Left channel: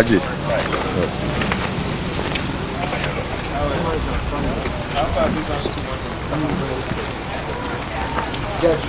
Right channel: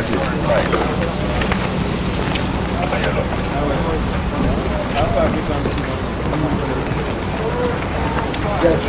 Alaji. Yes.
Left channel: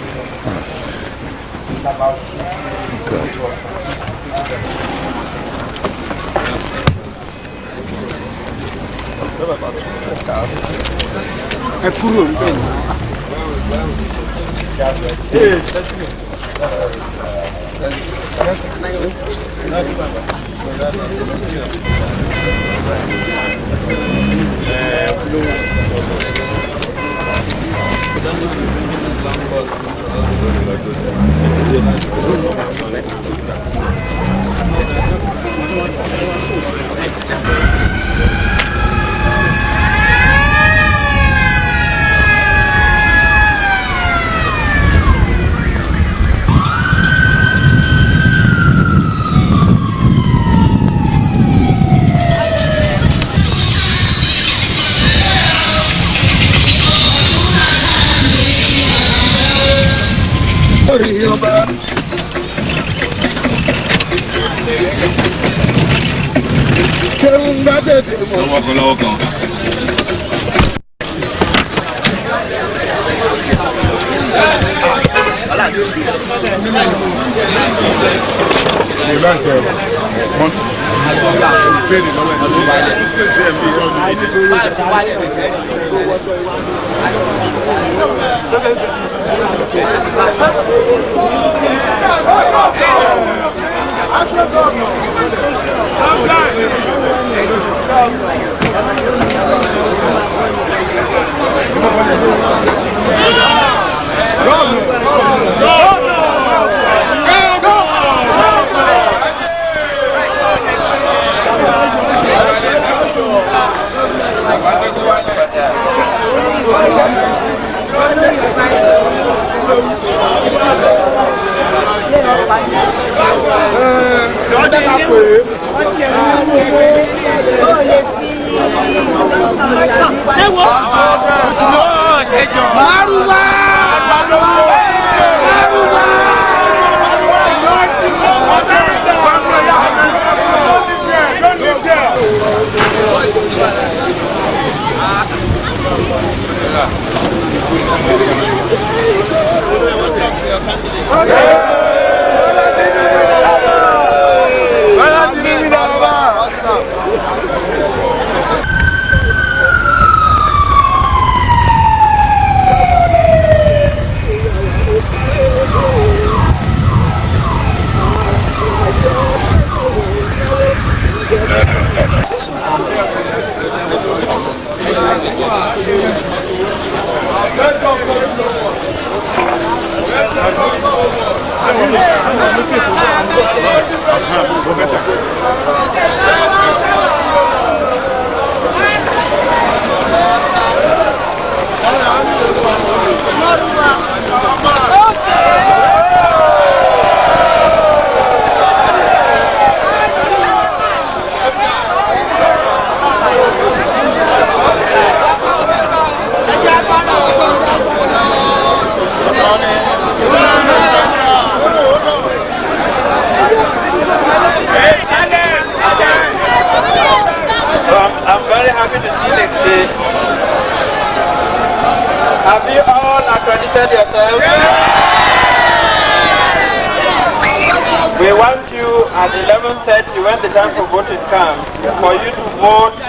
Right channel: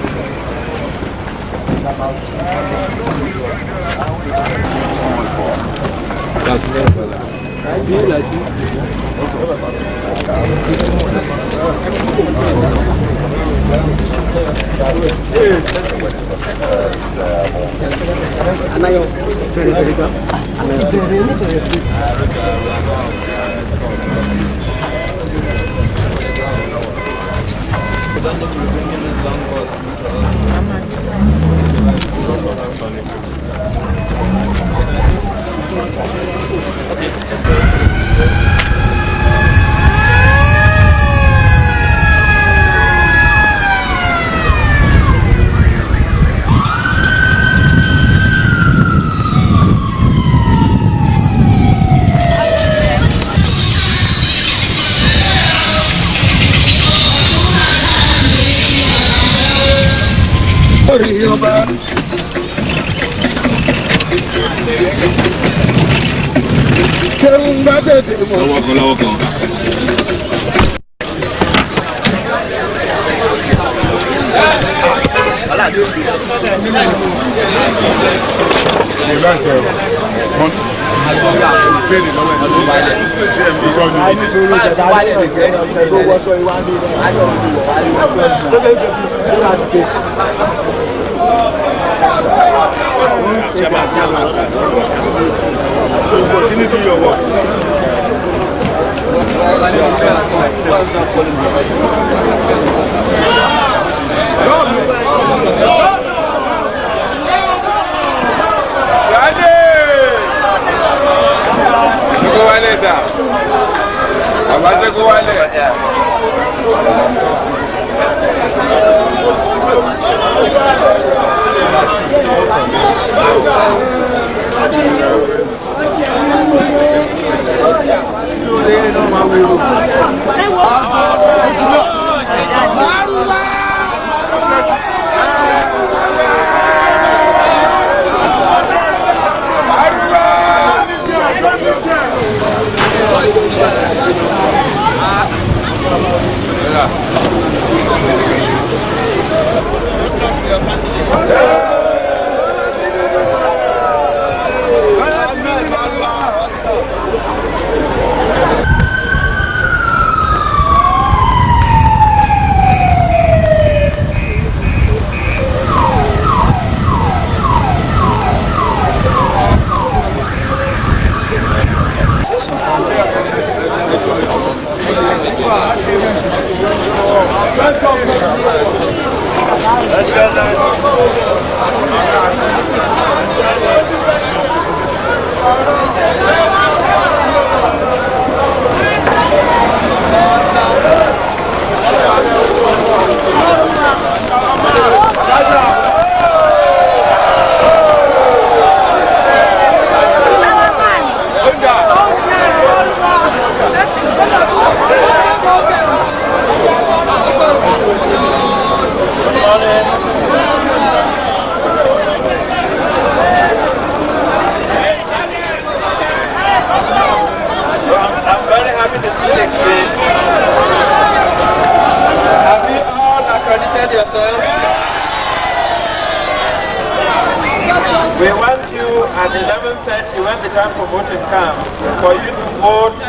We want you at 11:30 when the time for voting comes for you to vote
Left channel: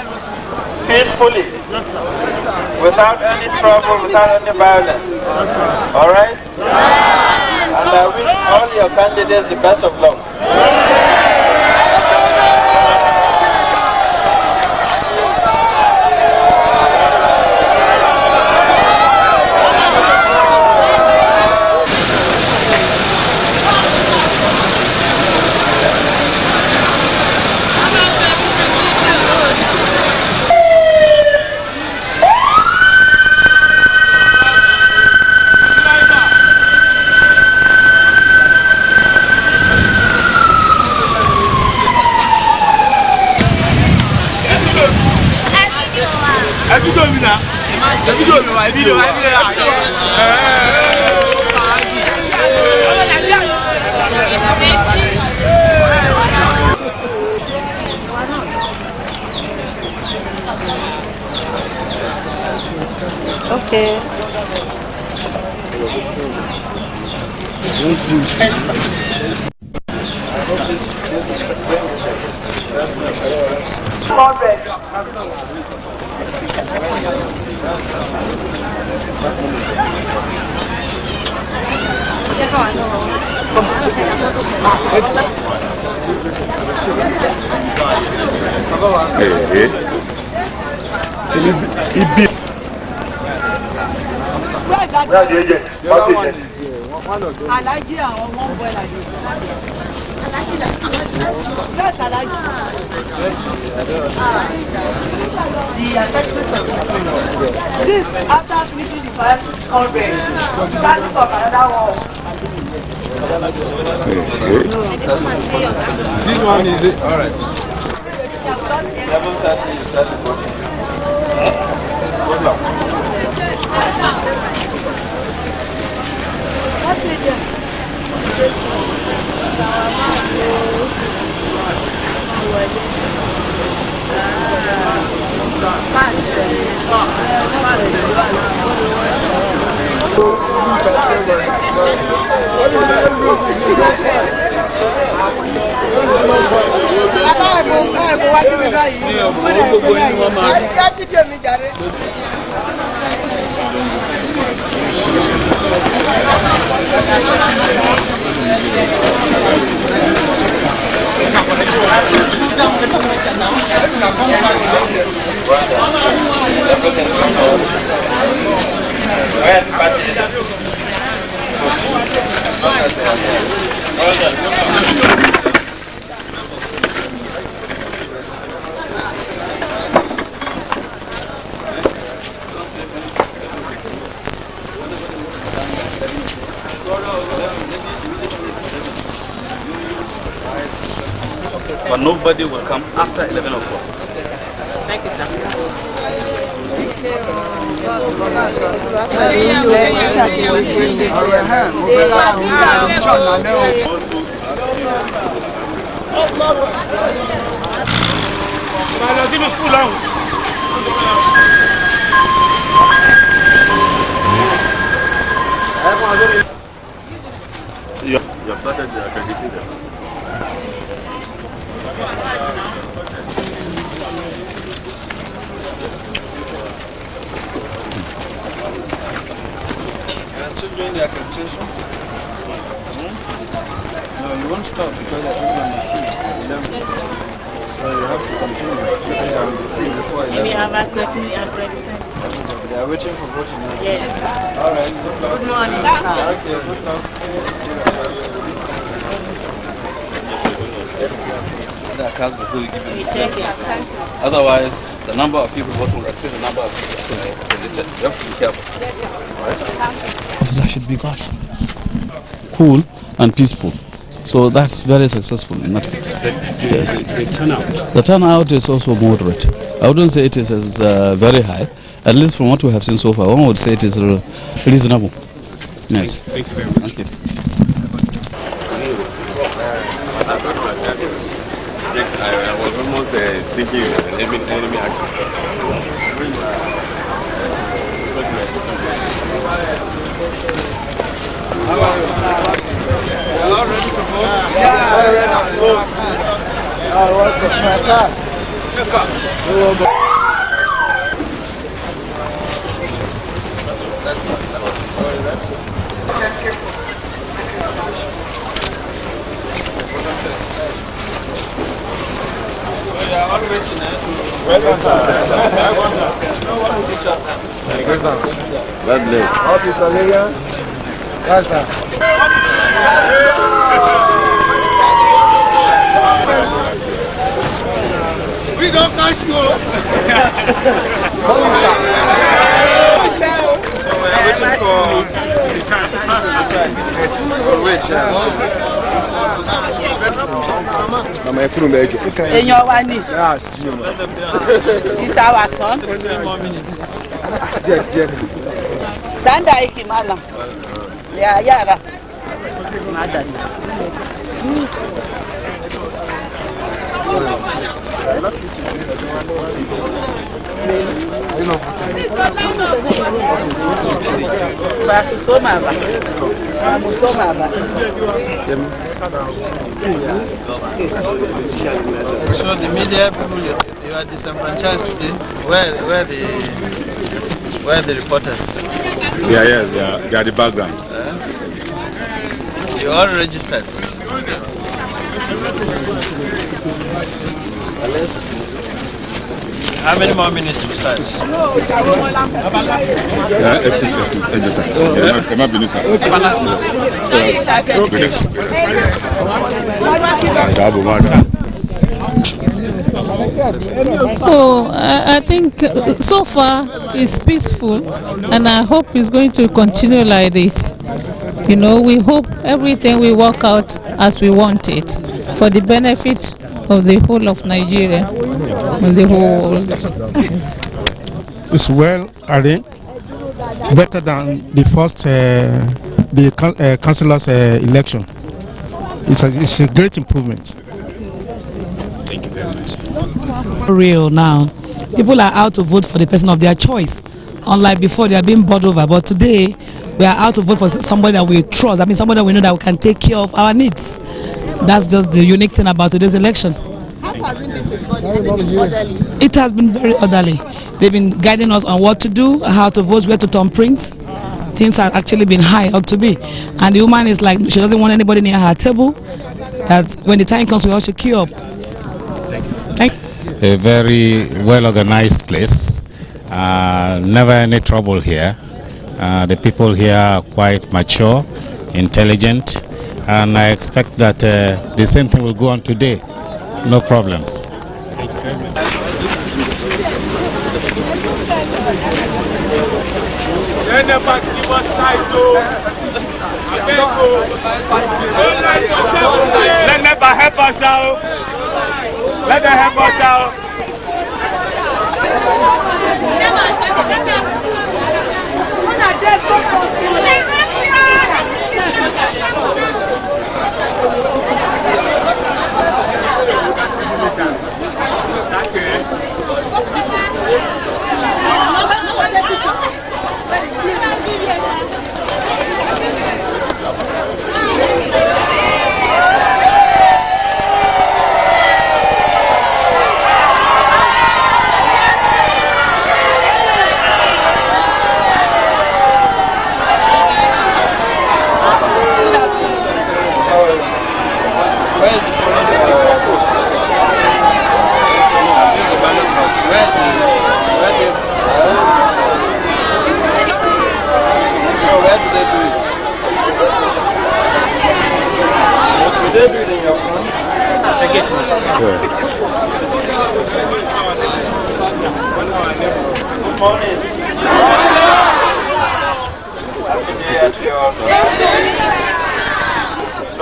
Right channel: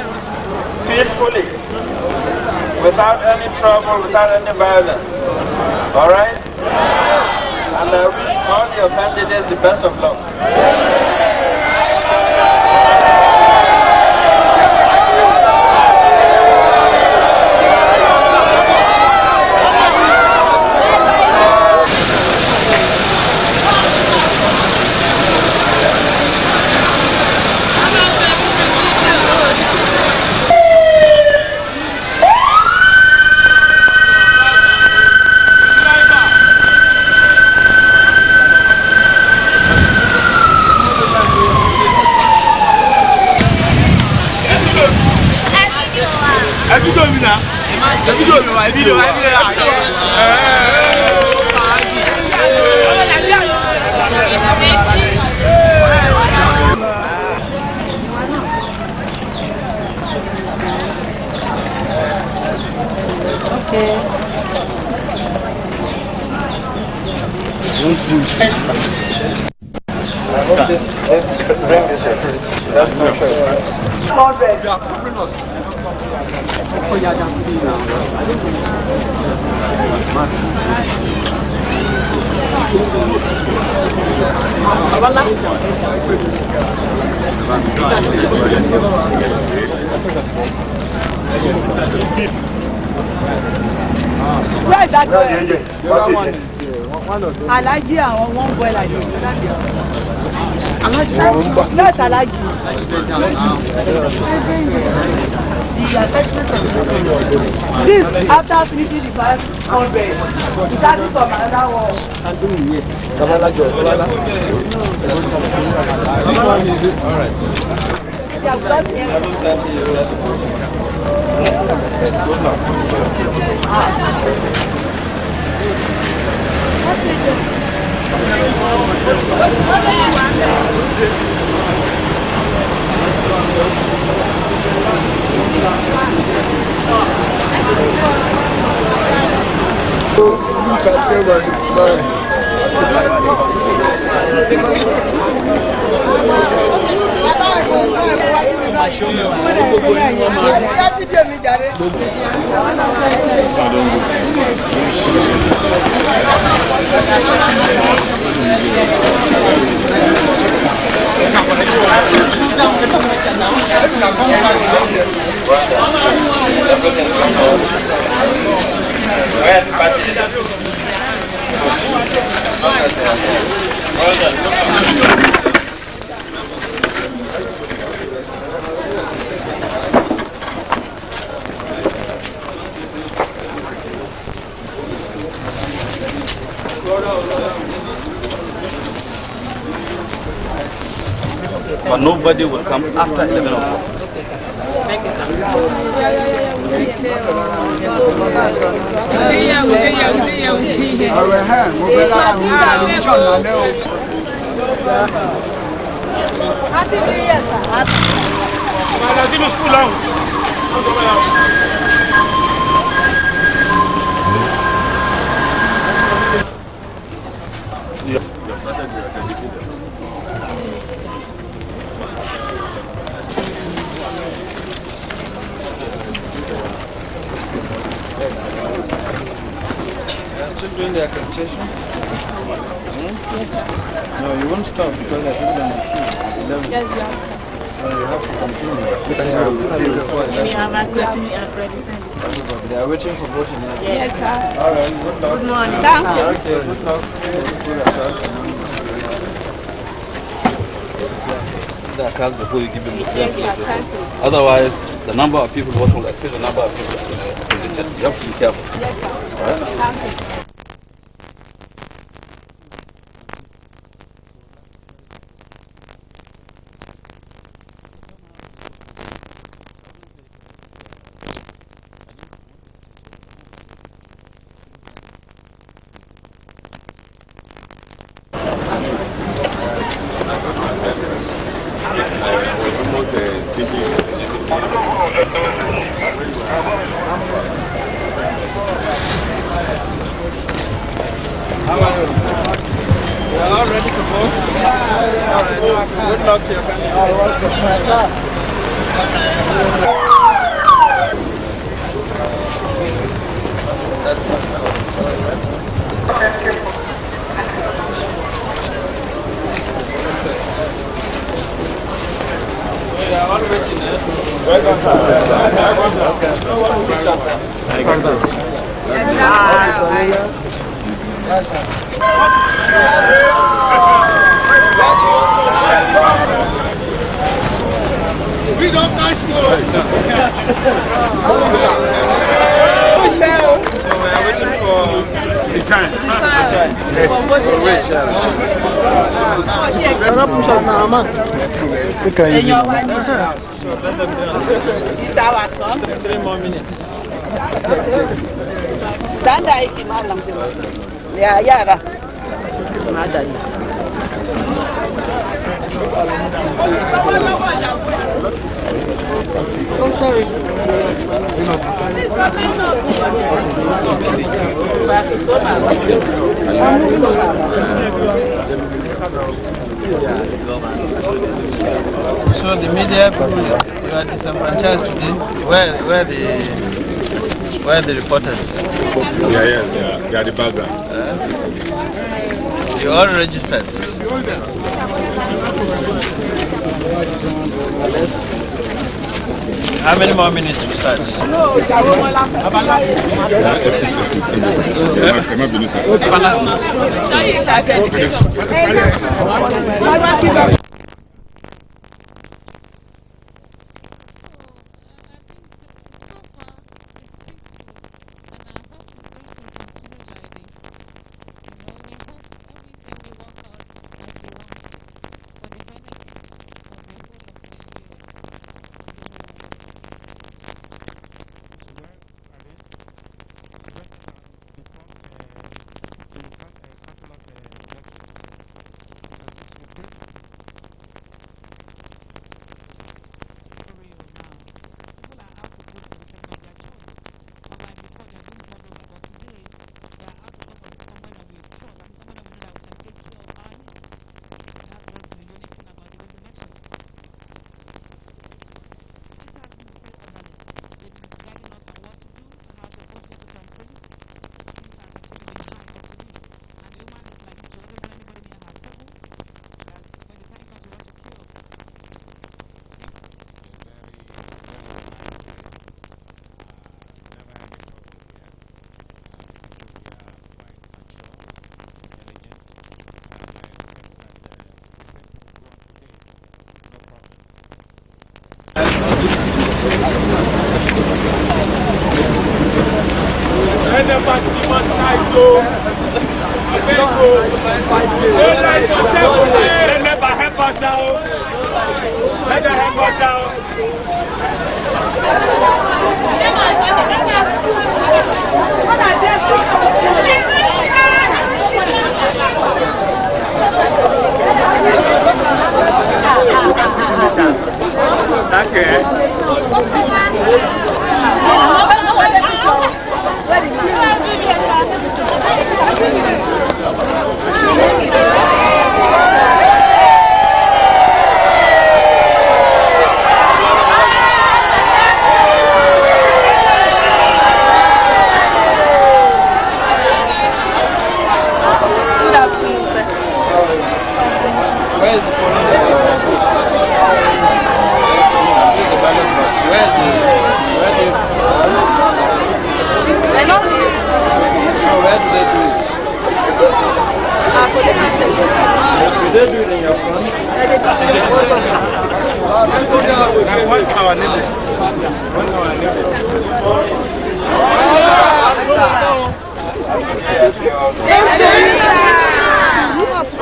peacefully, without any trouble, without any violence. Alright? And I wish all your candidates the best of luck. I hope this brings this. That's no choice. Where is that? Where are the agents? What agent? Alaji and one boy like this. Not Alaji. The attachment of this after finishing the 500, you start from another one. This one is it? Alright. 11:30 you start the voting. Good luck. But nobody will come after 11 o'clock. Thank you, You have started accrediting them. Still doing the accreditation? No, you won't stop because I think on the queue at 11. Yes, so you have to continue. They are waiting for voting now. Yes, sir. Alright, good luck. Good morning. Thank you. Okay, good luck. The card before you give them the Thank you. Otherwise, the number of people voting will exceed the number of people accredited. You have to be careful. Yes, sir. Right? Thank you. Officer should be cool and peaceful. So that's very successful in that case. Yes. The turnout is also moderate. I wouldn't say it is as very high. At least from what we have seen so far, one would say it is reasonable. Yes. Thank you very much. Thank you. I was almost thinking everything. How are you? You are all ready to vote? Yeah. Good luck to they are all waiting to welcome, sir. No one will teach us. We don't catch you. So we are waiting for the time. Èèyàn wa ni. This our son. 3 more minutes. Sanda aiki malam. Ya yara. Madalla. So the media people, you are disenfranchised today. Where the reporters? Yeah, they are the background. You all registered. How many more minutes to start? Oh, I think so far it's peaceful, and I hope it's going to continue like this. You know, we hope everything will work out as we want it, for the benefit of the whole of Nigeria, of the whole. It's well arranged, better than the first councillor's election. It's a great improvement. Thank you very much. Real now. People are out to vote for the person of their choice. Unlike before, they are being bought over. But today, we are out to vote for somebody that we trust. I mean, somebody that we know that we can take care of our needs. That's just the unique thing about today's election. How has it been before? Has it been orderly? It has been very orderly. They've been guiding us on what to do, how to vote, where to turn prints. Things have actually been high up to be. And the woman is like, she doesn't want anybody near her table. That when the time comes, we all should queue up. Thank you. A very well organized place. Never any trouble here. The people here are quite mature, intelligent, and I expect that the same thing will go on today. No problems. Thank you very much. Let them help us out.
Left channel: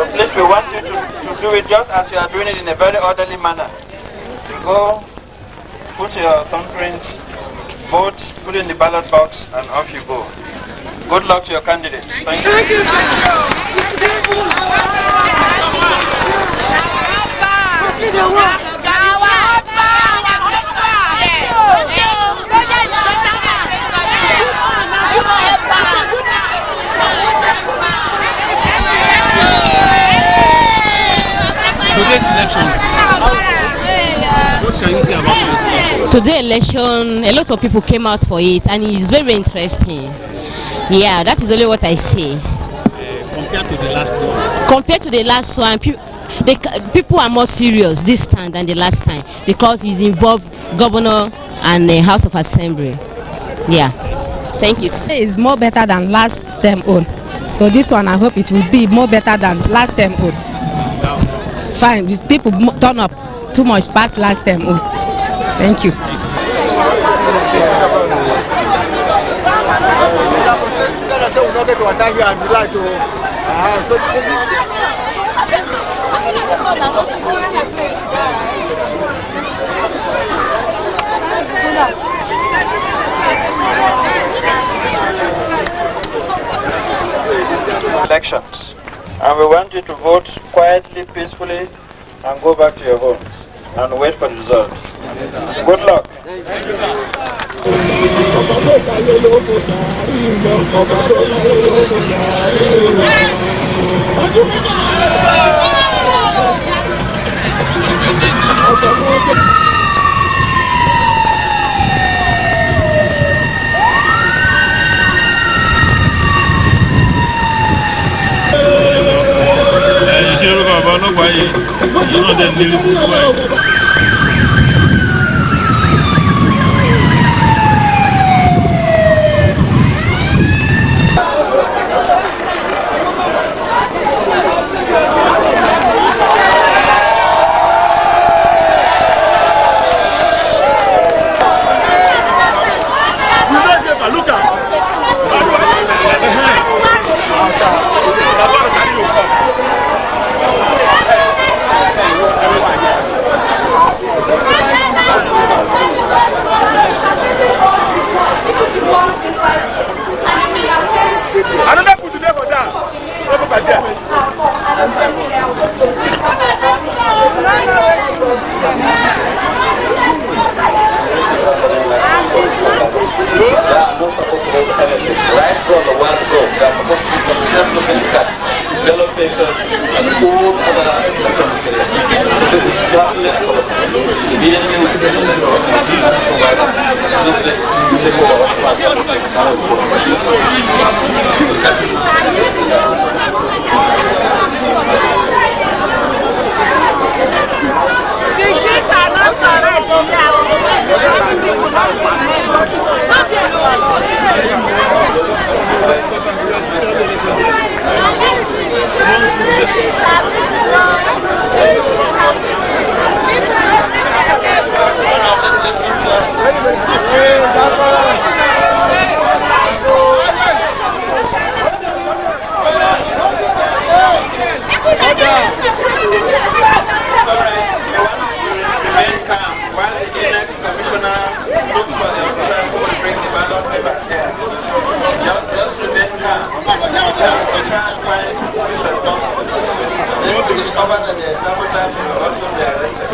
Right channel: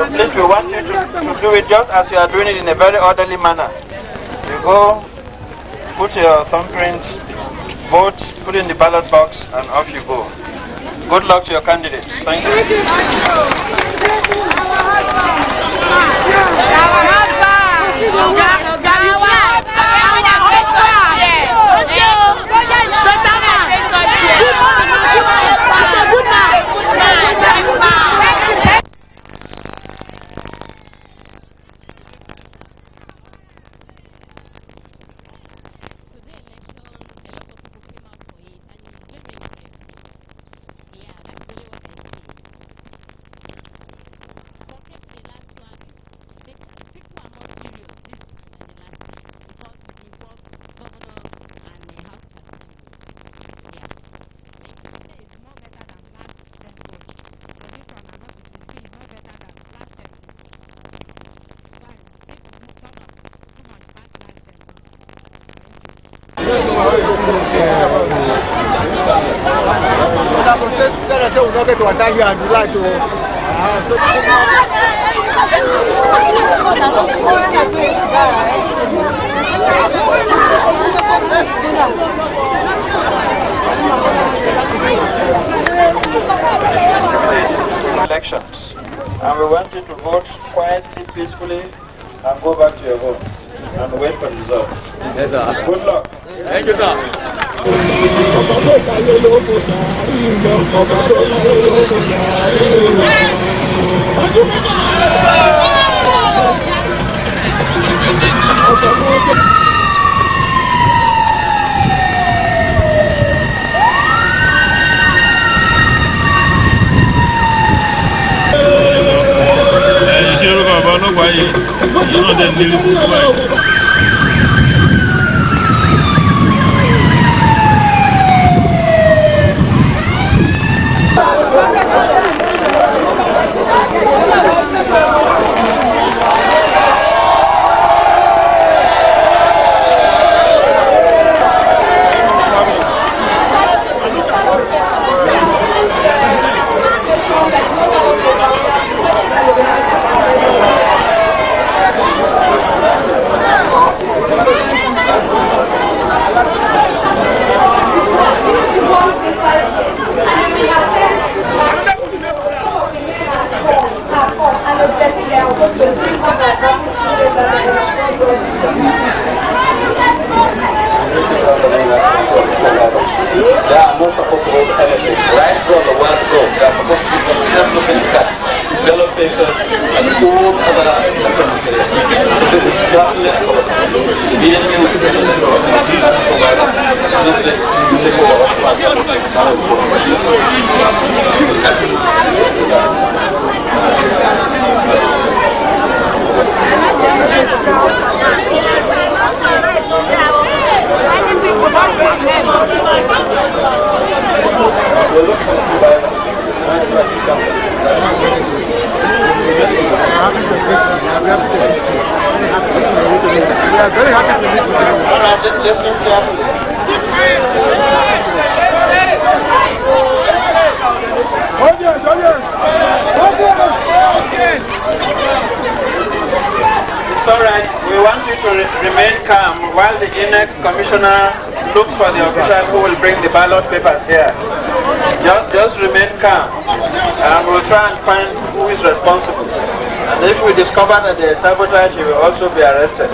So please, we want you to do it just as you are doing it in a very orderly manner. You go, put your thumbprint, vote, put in the ballot box, and off you go. Good luck to your candidates. Thank you. Today's election, a lot of people came out for it, and it's very interesting. Yeah, that is only what I say. Compared to the last one? Compared to the last one, people are more serious this time than the last time, because it involved governor and the House of Assembly. Yeah, thank you. It's more better than last term own. So this one, I hope it will be more better than last term own. Fine, these people turn up too much past last term own. Thank you. Elections, and we want you to vote quietly, peacefully, and go back to your homes and wait for the results. Good luck. Thank you, sir. Remain calm while the INEC commissioner looks for the official who will bring the ballot papers here. Just remain calm and we'll try and find who is responsible. And if we discover that there is sabotage, he will also be arrested.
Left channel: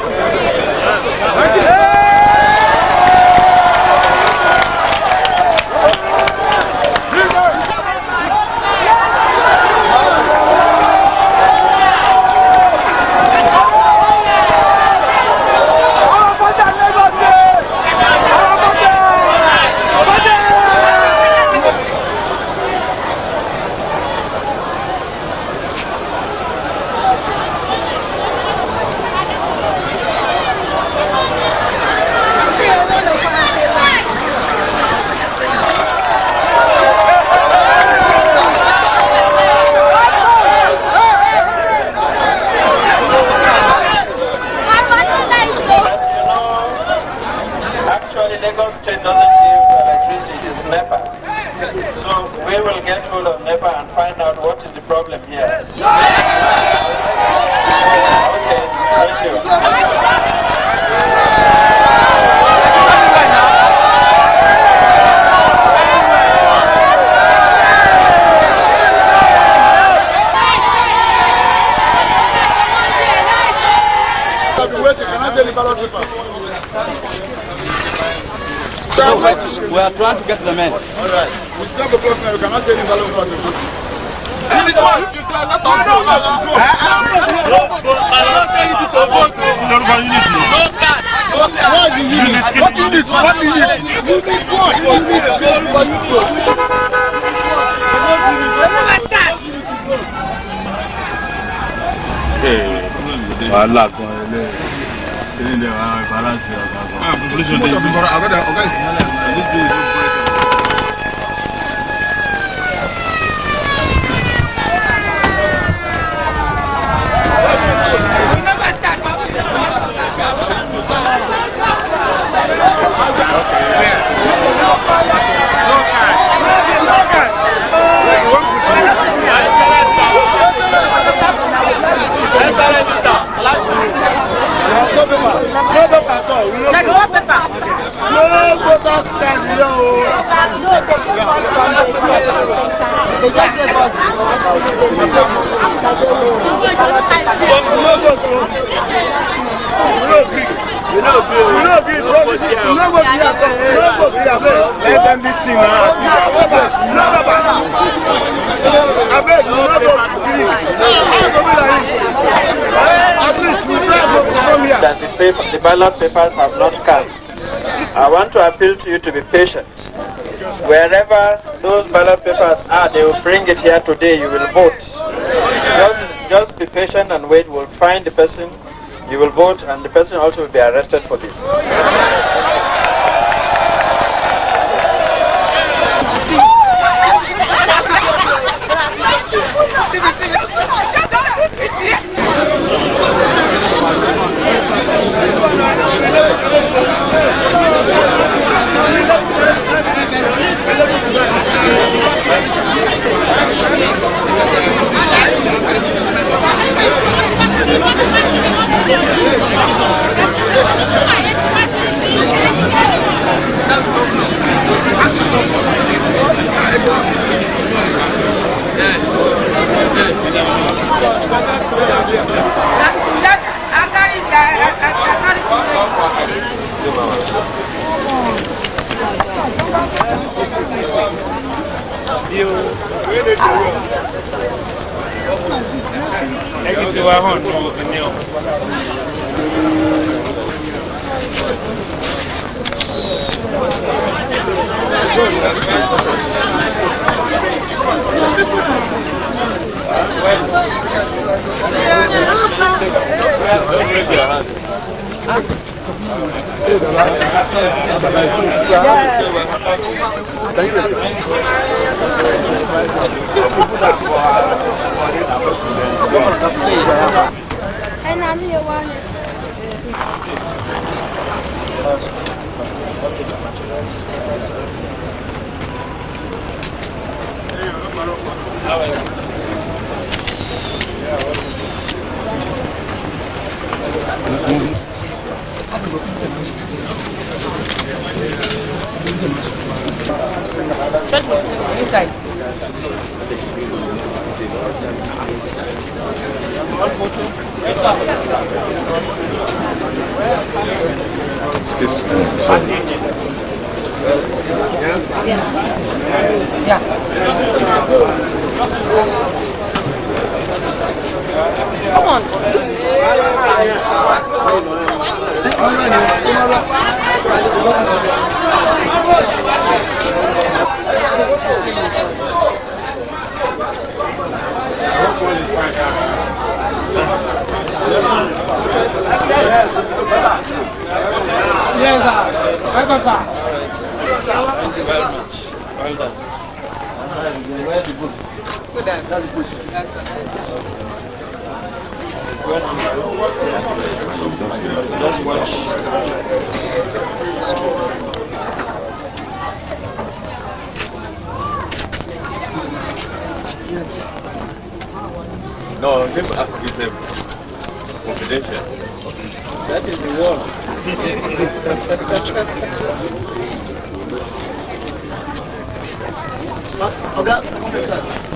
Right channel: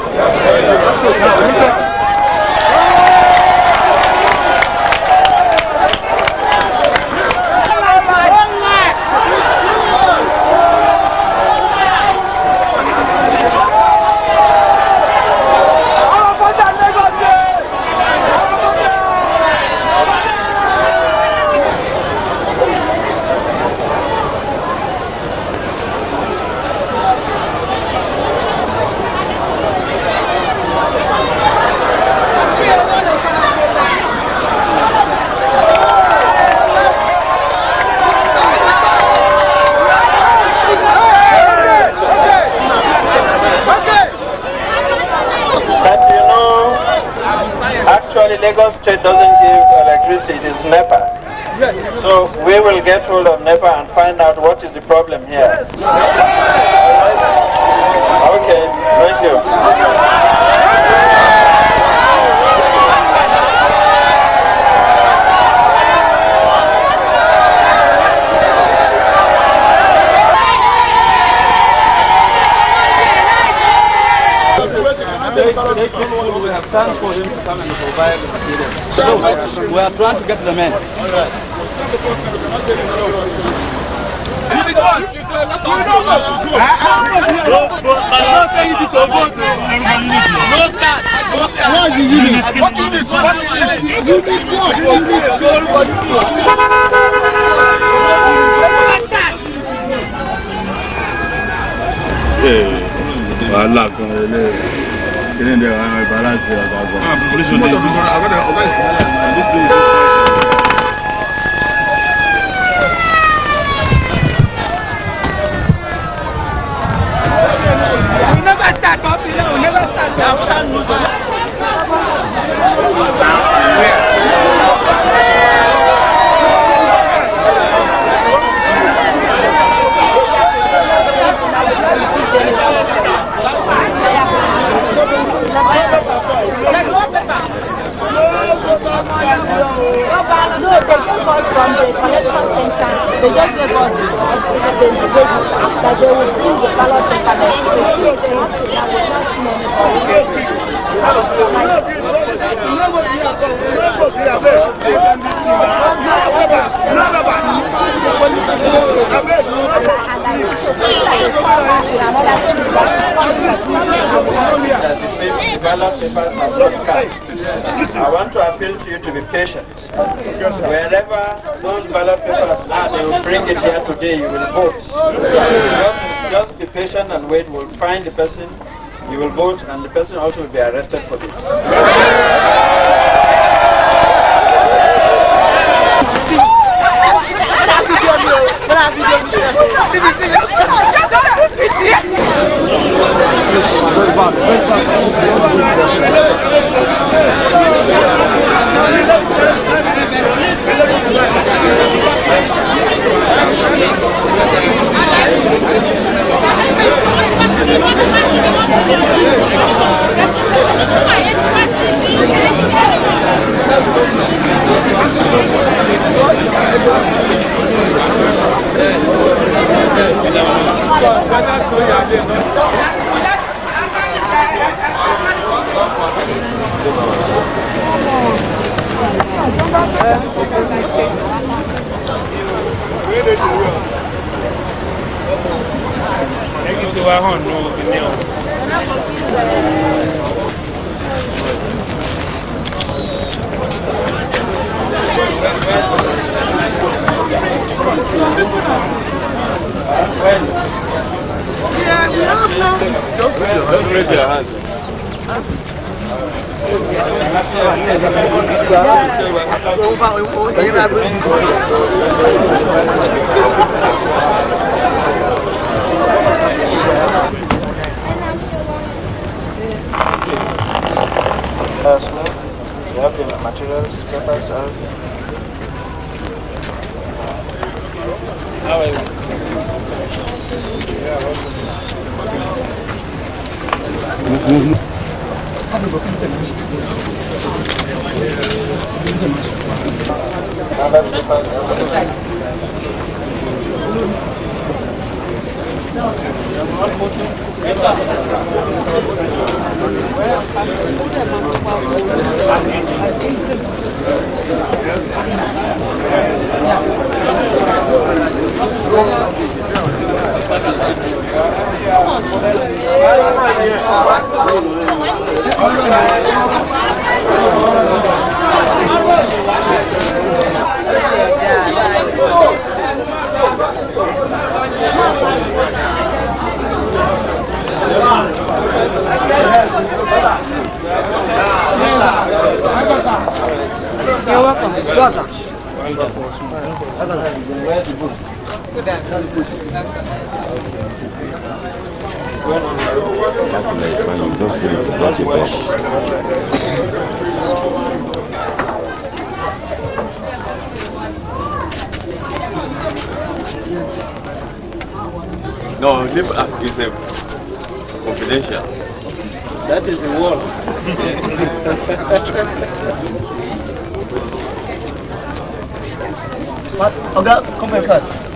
Lagos State doesn't give electricity, it is NEPA. So we will get hold of NEPA and find out what is the problem here. Okay, thank you. We are trying to get the men. All right. No, They just gave us that they will bring the ballot paper. That the ballot papers have not cast. I want to appeal to you to be patient. Wherever those ballot papers are, they will bring it here today. You will vote. Just be patient and wait. We'll find the person. You will vote, and the person also will be arrested for this. Don't raise your hands. You have the materials, papers, How are you? Come on. No, live up is confidential. that is the word. Oga, come here first.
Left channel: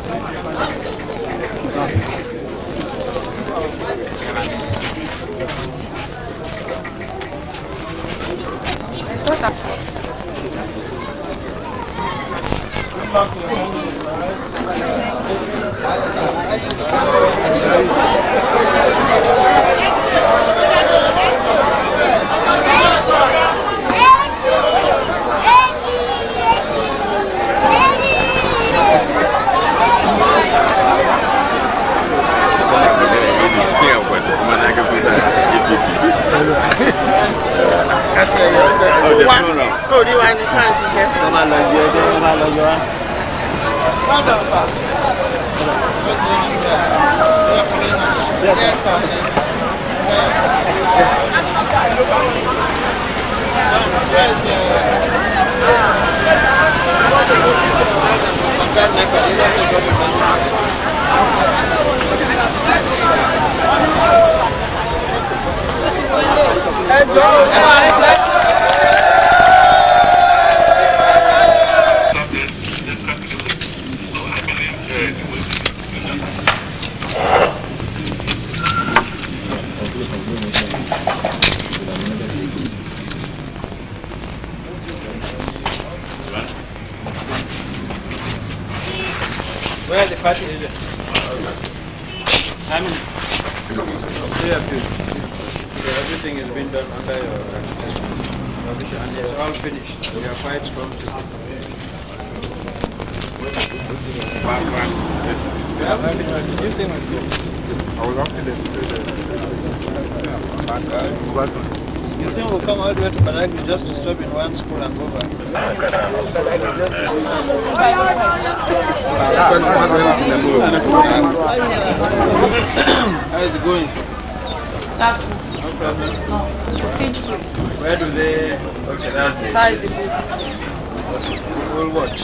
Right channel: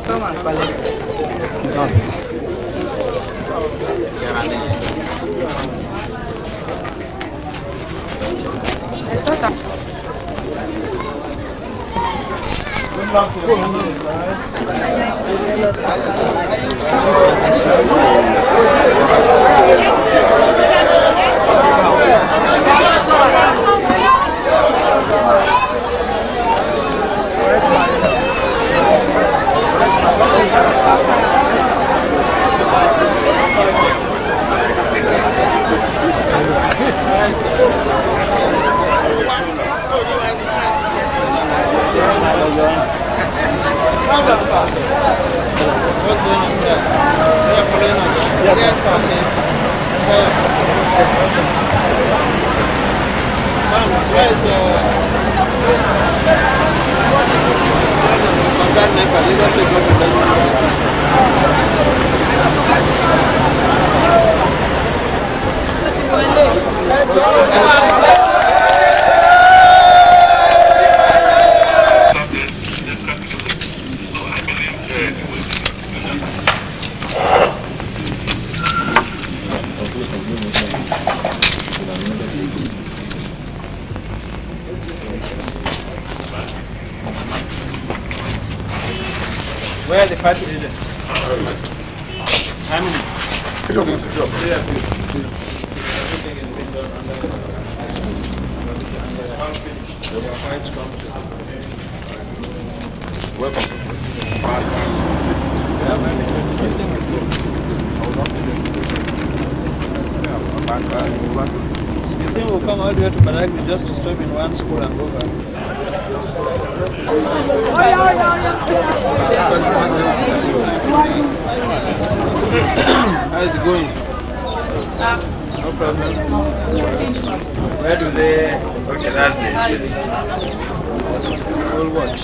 Where are the party agents? How many? 3 of you. Everything is being done under your supervision and you're all finished. You are quite comfortable. You think we'll come all the way to Badagry just to stop in one school and go back? How is it going? No problem. Where do they... Okay, that's the kids. We'll watch.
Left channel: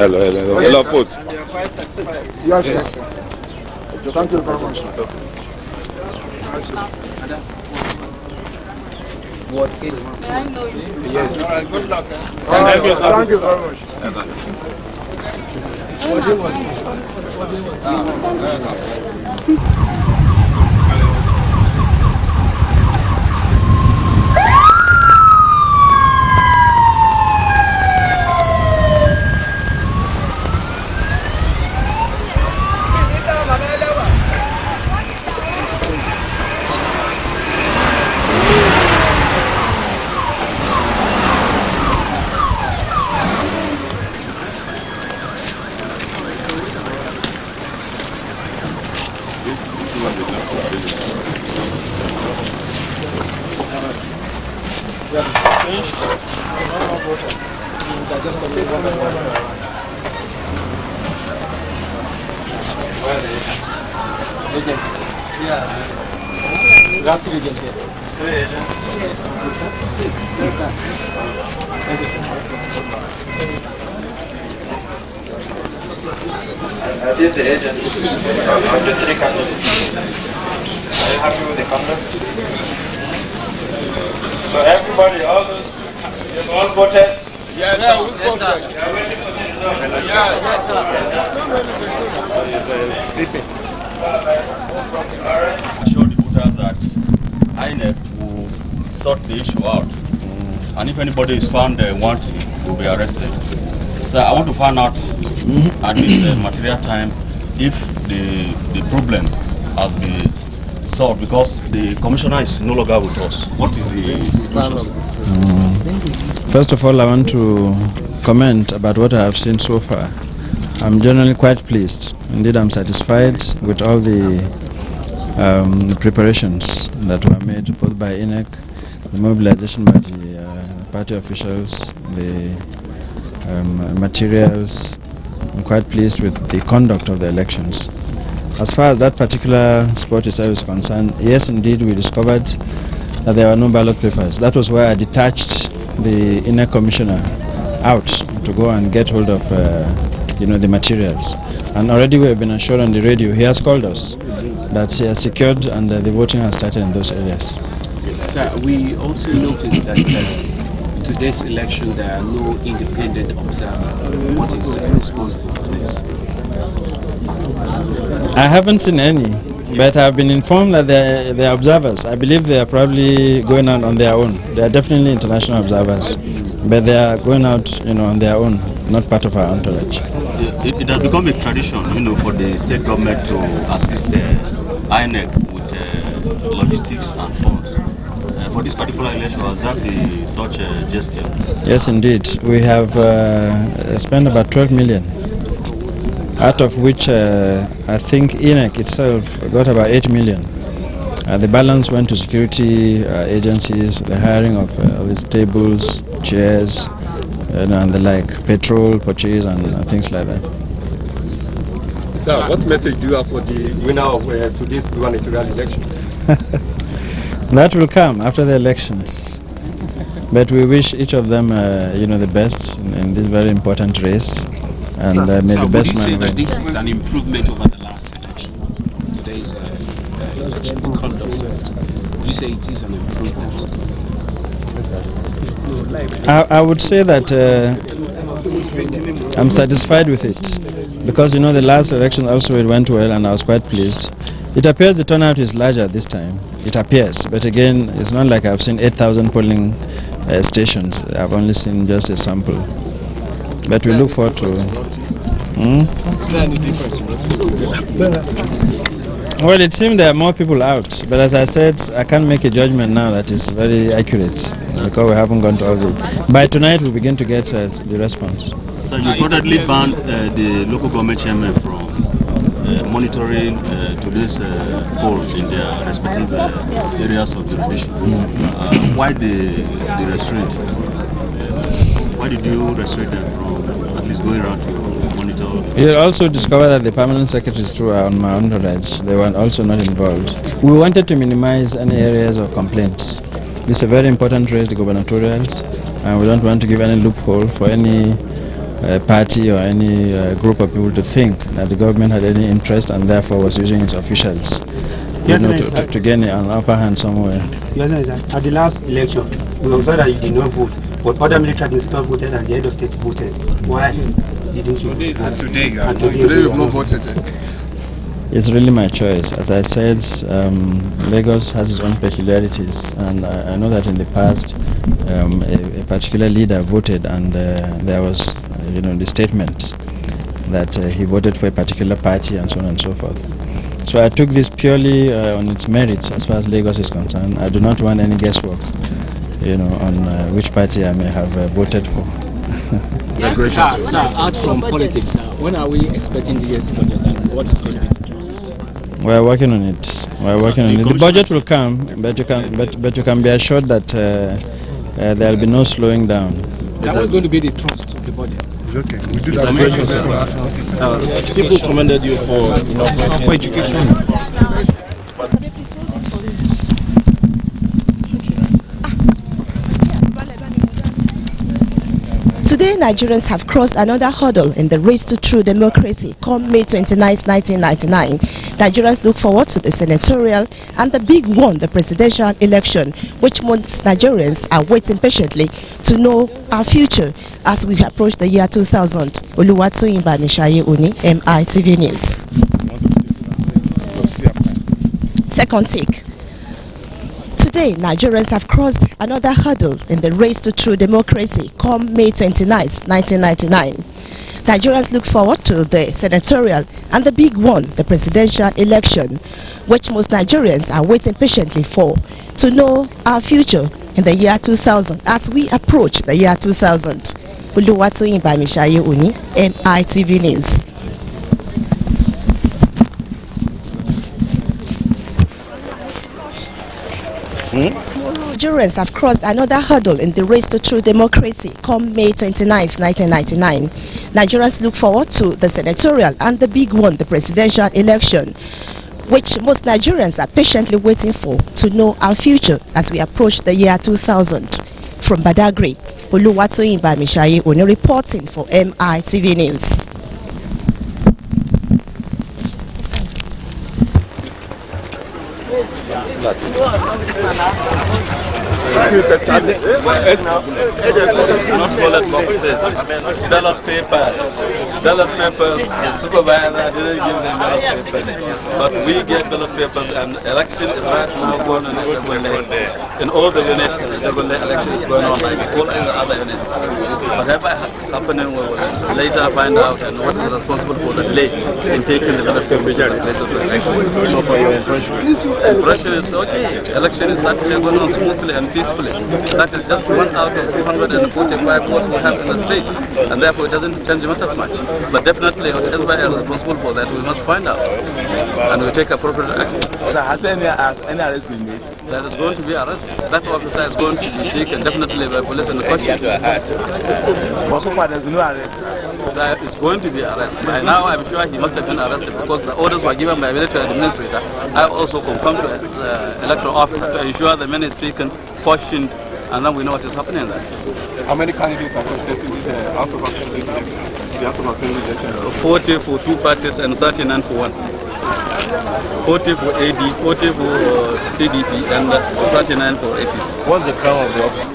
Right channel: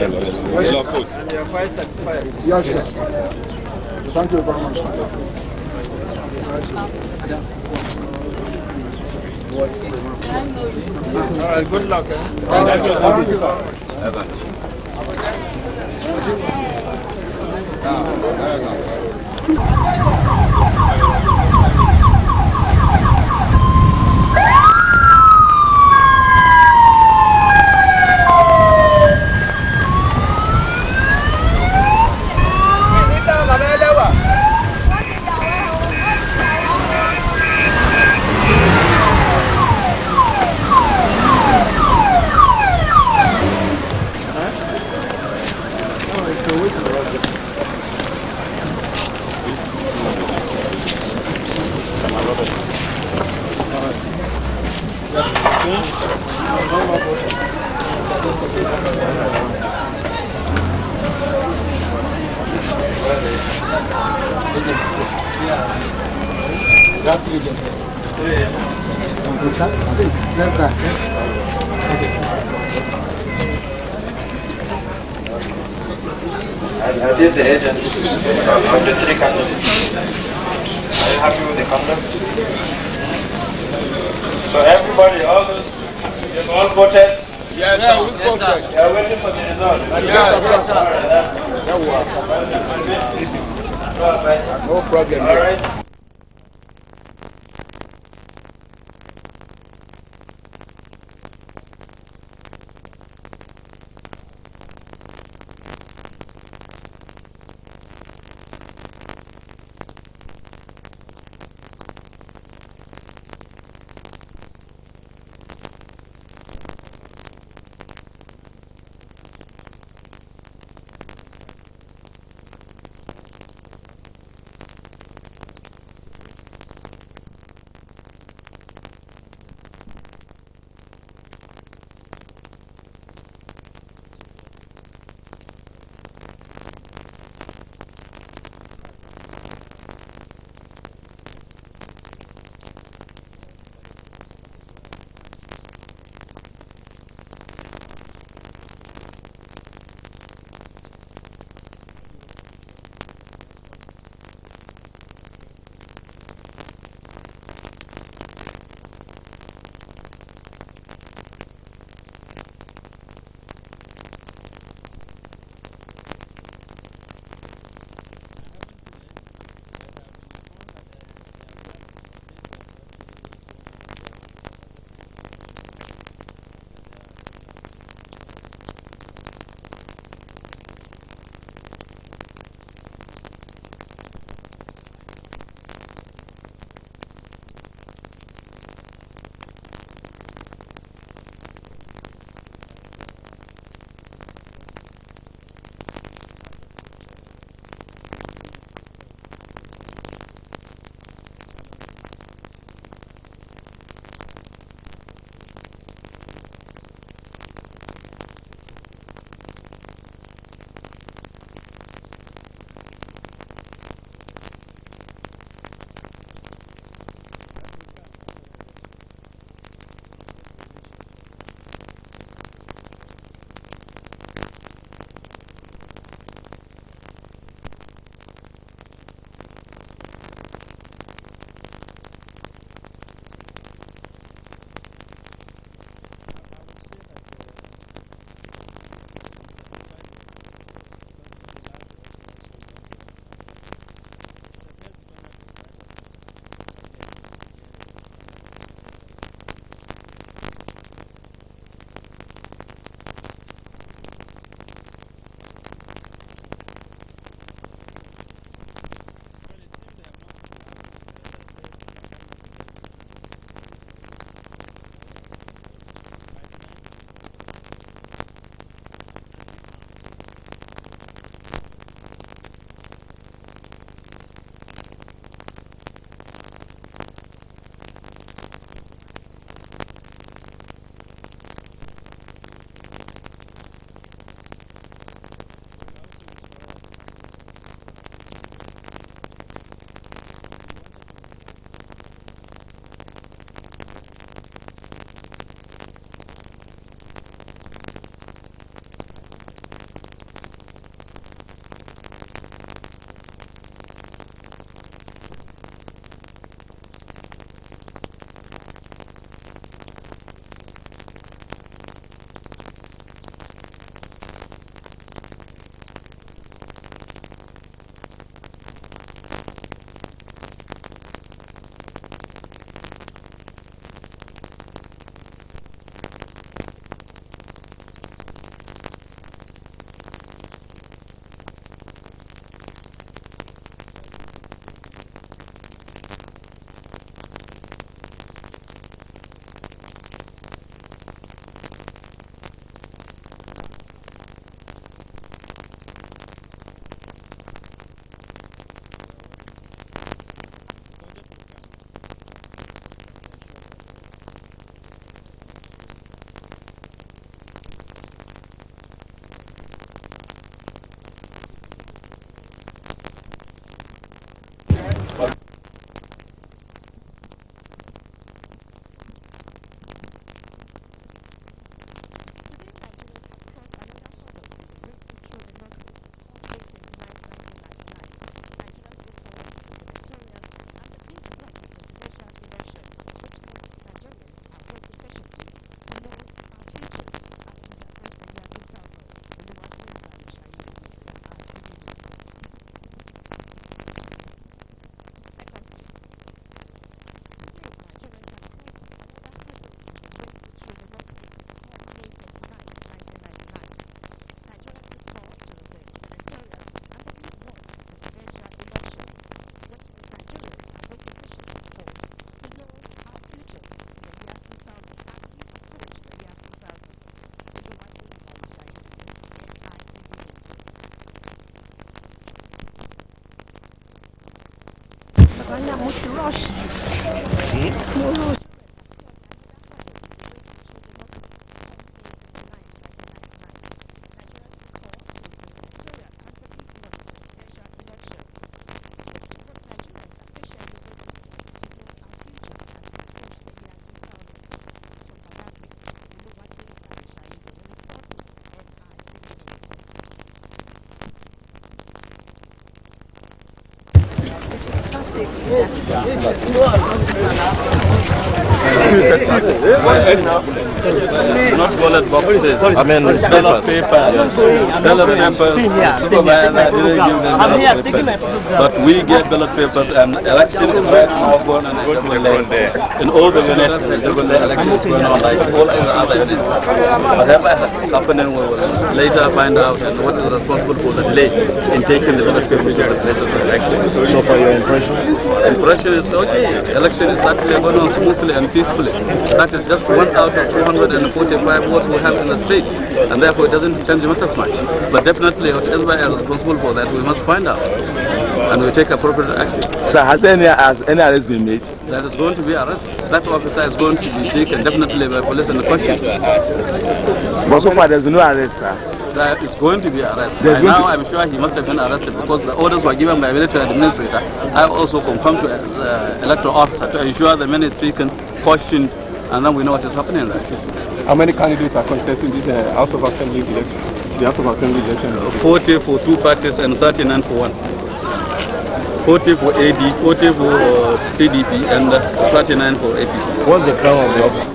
Hello, post. And you're quite satisfied? Yes, sir. Thank you very much. What is it? I know you. Yes. All right, good luck. Thank you very much. I did the agent of the 3 candidates. Are you happy with the conduct? So everybody, all those, you've all voted? Yes, sir. We voted. You are waiting for the result? Yes, sir. No problem. All right. Assure the voters that INEC will sort the issue out. And if anybody is found wanting, will be arrested. So I want to find out at this material time if the problem has been solved, because the commissioner is no longer with us. What is the situation? First of all, I want to comment about what I have seen so far. I'm generally quite pleased. Indeed, I'm satisfied with all the preparations that were made both by INEC, the mobilization by the party officials, the materials. I'm quite pleased with the conduct of the elections. As far as that particular spot itself is concerned, yes, indeed, we discovered that there were no ballot papers. That was why I detached the INEC commissioner out to go and get hold of the materials. And already we have been assured on the radio, he has called us that he has secured and the voting has started in those areas. Sir, we also noticed that today's election there are no independent observers. What is responsible for this? I haven't seen any, but I've been informed that they are observers. I believe they are probably going out on their own. They are definitely international observers, but they are going out, on their own, not part of our entourage. It has become a tradition, for the state government to assist the INEC with logistics and funds. For this particular election, was that such a gesture? Yes, indeed. We have spent about 12 million, out of which I think INEC itself got about 8 million. The balance went to security agencies, the hiring of these tables, chairs, and the like, petrol purchase and things like that. Sir, what message do you have for the winner of today's gubernatorial election? That will come after the elections. But we wish each of them, the best in this very important race, and may the best man win. Would you say that this is an improvement over the last election? Today's conduct. Would you say it is an improvement? I would say that I'm satisfied with it. because you know the last election also it went well and I was quite pleased. It appears the turnout is larger this time. It appears, but again, it's not like I've seen 8,000 polling stations. I've only seen just a sample. But we look forward to. Well, it seems there are more people out, but as I said, I can't make a judgment now that is very accurate because we haven't gone to all the. By tonight, we begin to get the response. So you reportedly banned the local government chairman from monitoring today's polls in their respective areas of jurisdiction. Why the restraint? Why did you restrict them from at least going around to monitor? You also discovered that the permanent secretaries too are on my entourage. They were also not involved. We wanted to minimize any areas of complaints. It's a very important race, the gubernatorials, and we don't want to give any loophole for any party or any group of people to think that the government had any interest and therefore was using its officials to gain an upper hand somewhere. At the last election, we observed that you did not vote, but other military administrators voted and the head of state voted. Why didn't you? And today you've not voted. It's really my choice. As I said, Lagos has its own peculiarities, and I know that in the past a particular leader voted and there was the statement that he voted for a particular party and so on and so forth. So I took this purely on its merits as far as Lagos is concerned. I do not want any guesswork on which party I may have voted for. Sir, out from politics, when are we expecting the year's budget and what is going to be? We are working on it. The budget will come, but you can be assured that there will be no slowing down. That was going to be the thrust of the budget. Okay. We do that. People commended you for education. Today, Nigerians have crossed another hurdle in the race to true democracy. Come May 29, 1999, Nigerians look forward to the senatorial and the big one, the presidential election, which most Nigerians are waiting patiently to know our future as we approach the year 2000. Oluwatoyin Bamishaye Oni, MITV News. Second take. Today, Nigerians have crossed another hurdle in the race to true democracy. Come May 29, 1999. Nigerians look forward to the senatorial and the big one, the presidential election, which most Nigerians are waiting patiently for, to know our future in the year 2000 as we approach the year 2000. Oluwatoyin Bamishaye Oni, MITV News. Nigerians have crossed another hurdle in the race to true democracy. Come May 29, 1999. Nigerians look forward to the senatorial and the big one, the presidential election, which most Nigerians are patiently waiting for to know our future as we approach the year 2000. From Badagry, Oluwatoyin Bamishaye Oni reporting for MITV News. Not ballot boxes, I mean ballot papers, supervisor didn't give them ballot papers, but we get ballot papers and election is right now going on in all the units. The election is going on like all in the other units. Whatever is happening we will later find out and what is responsible for the delay in taking the ballot papers to the place of the election. So for your impression? Impression is okay. Election is certainly going on smoothly and peacefully. That is just 1 out of 245 votes we have in the state, and therefore it doesn't change matters much. But definitely, whatever is responsible for that, we must find out, and we take appropriate action. So has any arrest been made? There is going to be arrest. That officer is going to be taken definitely by police and questioned. But so far there's no arrest, sir. There is going to be arrest. By now, I'm sure he must have been arrested because the orders were given by military administrator. I also confirmed to the electoral officer to ensure the man is taken, questioned, and then we know what is happening in that case. How many candidates are contesting this House of Assembly election? The House of Assembly election? 40 for 2 parties and 39 for 1. 40 for AD, 40 for PDP, and 39 for AP. What's the crown of the office?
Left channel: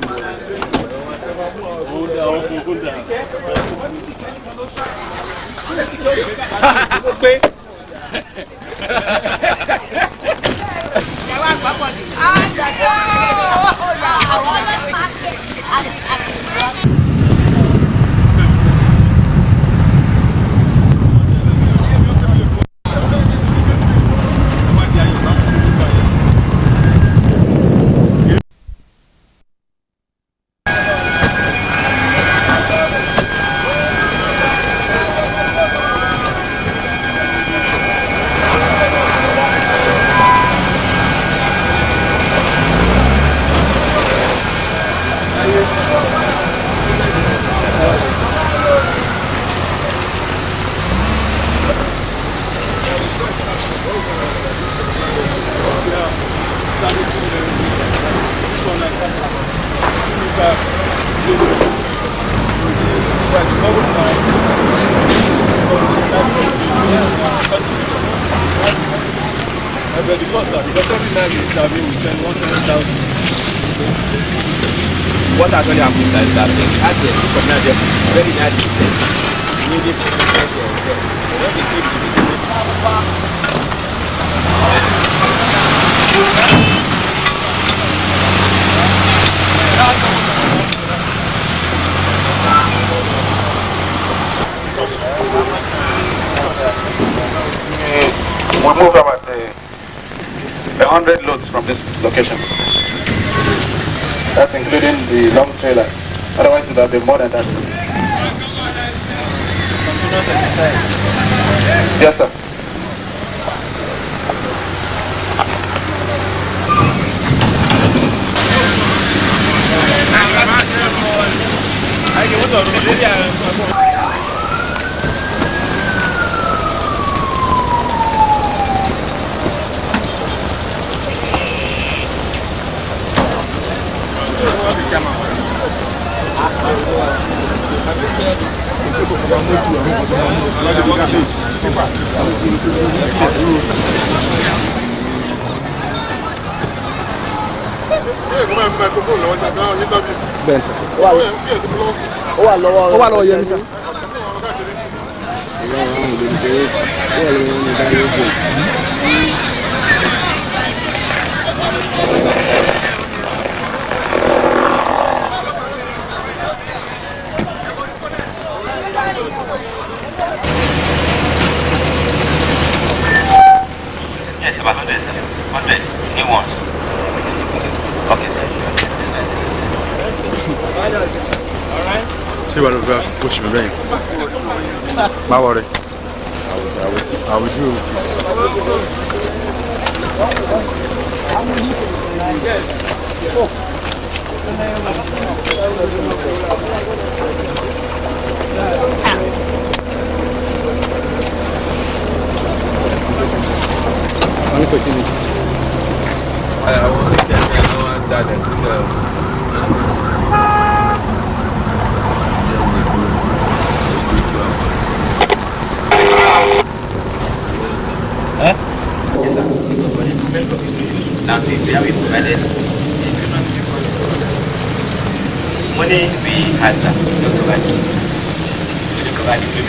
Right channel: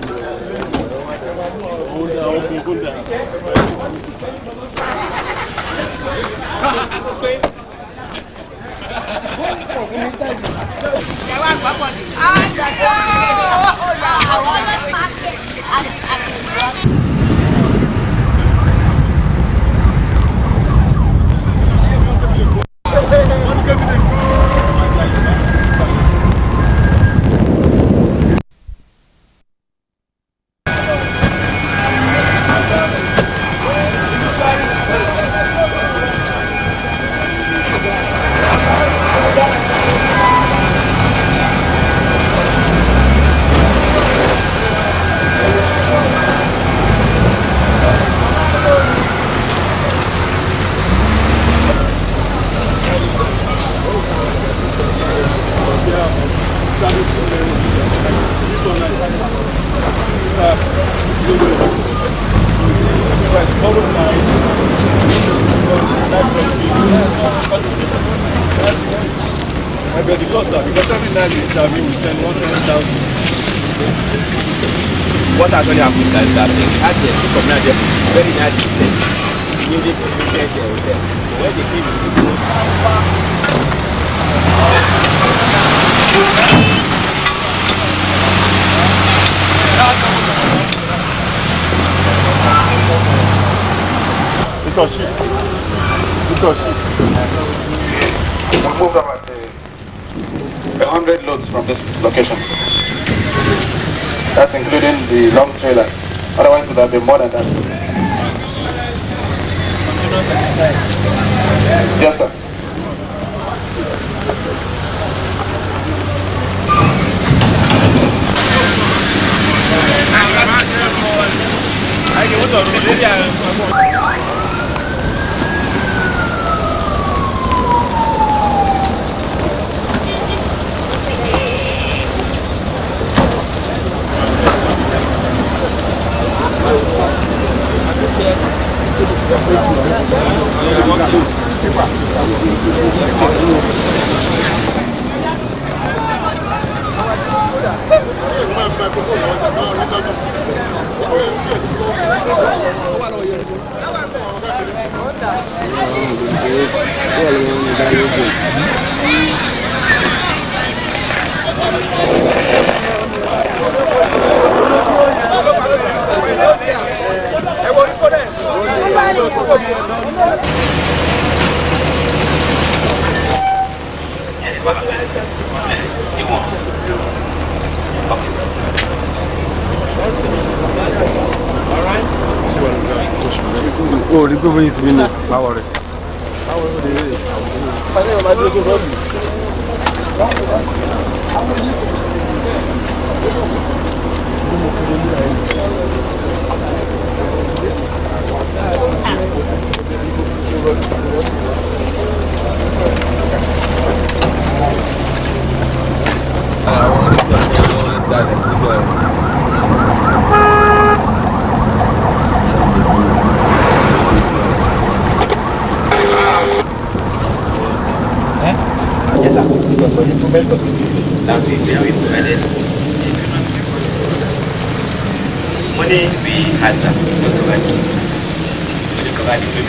Because every night we interview, we spend 100,000. What actually happens is that they had the community very nice business. We needed to be there. But when they came to the We move about 100 loads from this location. That's including the long trailers. Otherwise, it would have been more than that. Yes, sir. My worry. Now, we have provided money we had to provide. We provide it to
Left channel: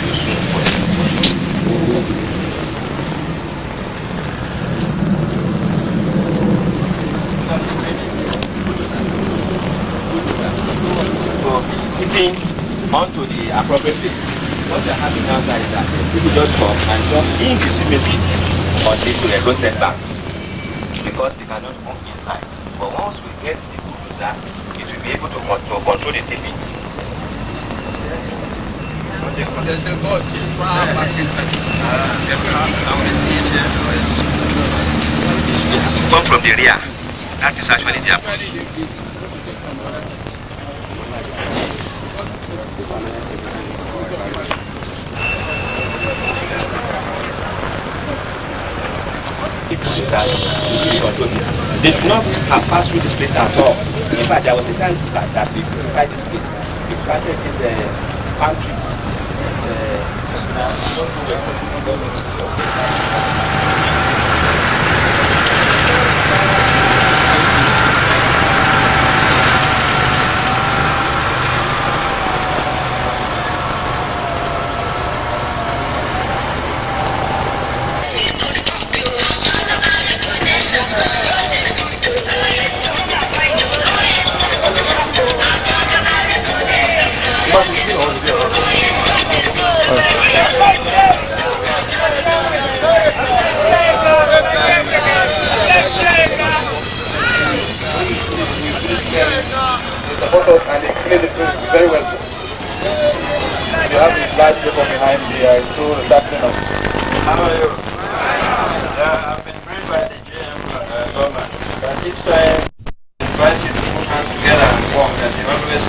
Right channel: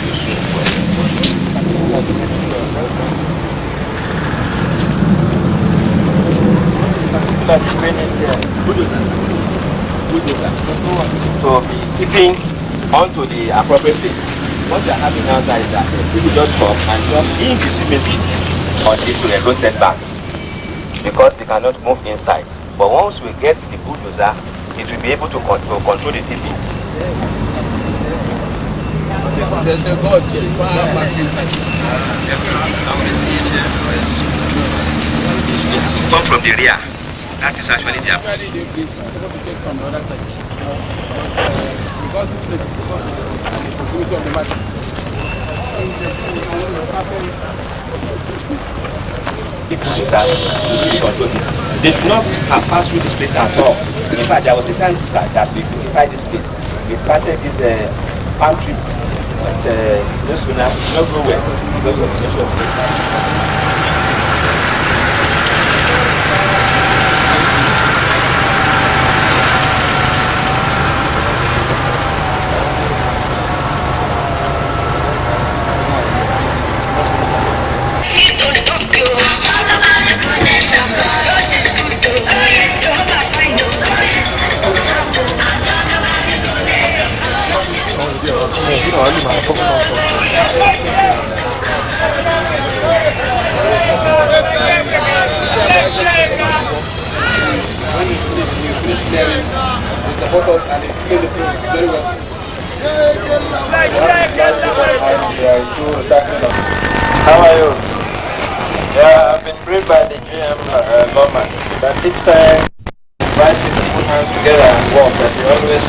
So, keeping onto the appropriate place. What we are having now is that people just come and just indiscriminately on this road setback because they cannot move inside. But once we get the bulldozer, it will be able to control the city. Come from the rear. That is actually the They do not have passed through this place at all. In fact, there was a time that we beautified this place. We planted these palm trees. This will not go where. we are into tackling of. How are you? Yeah, I've been briefed by the GM Loma that each time invite you to put hands together and work, that you always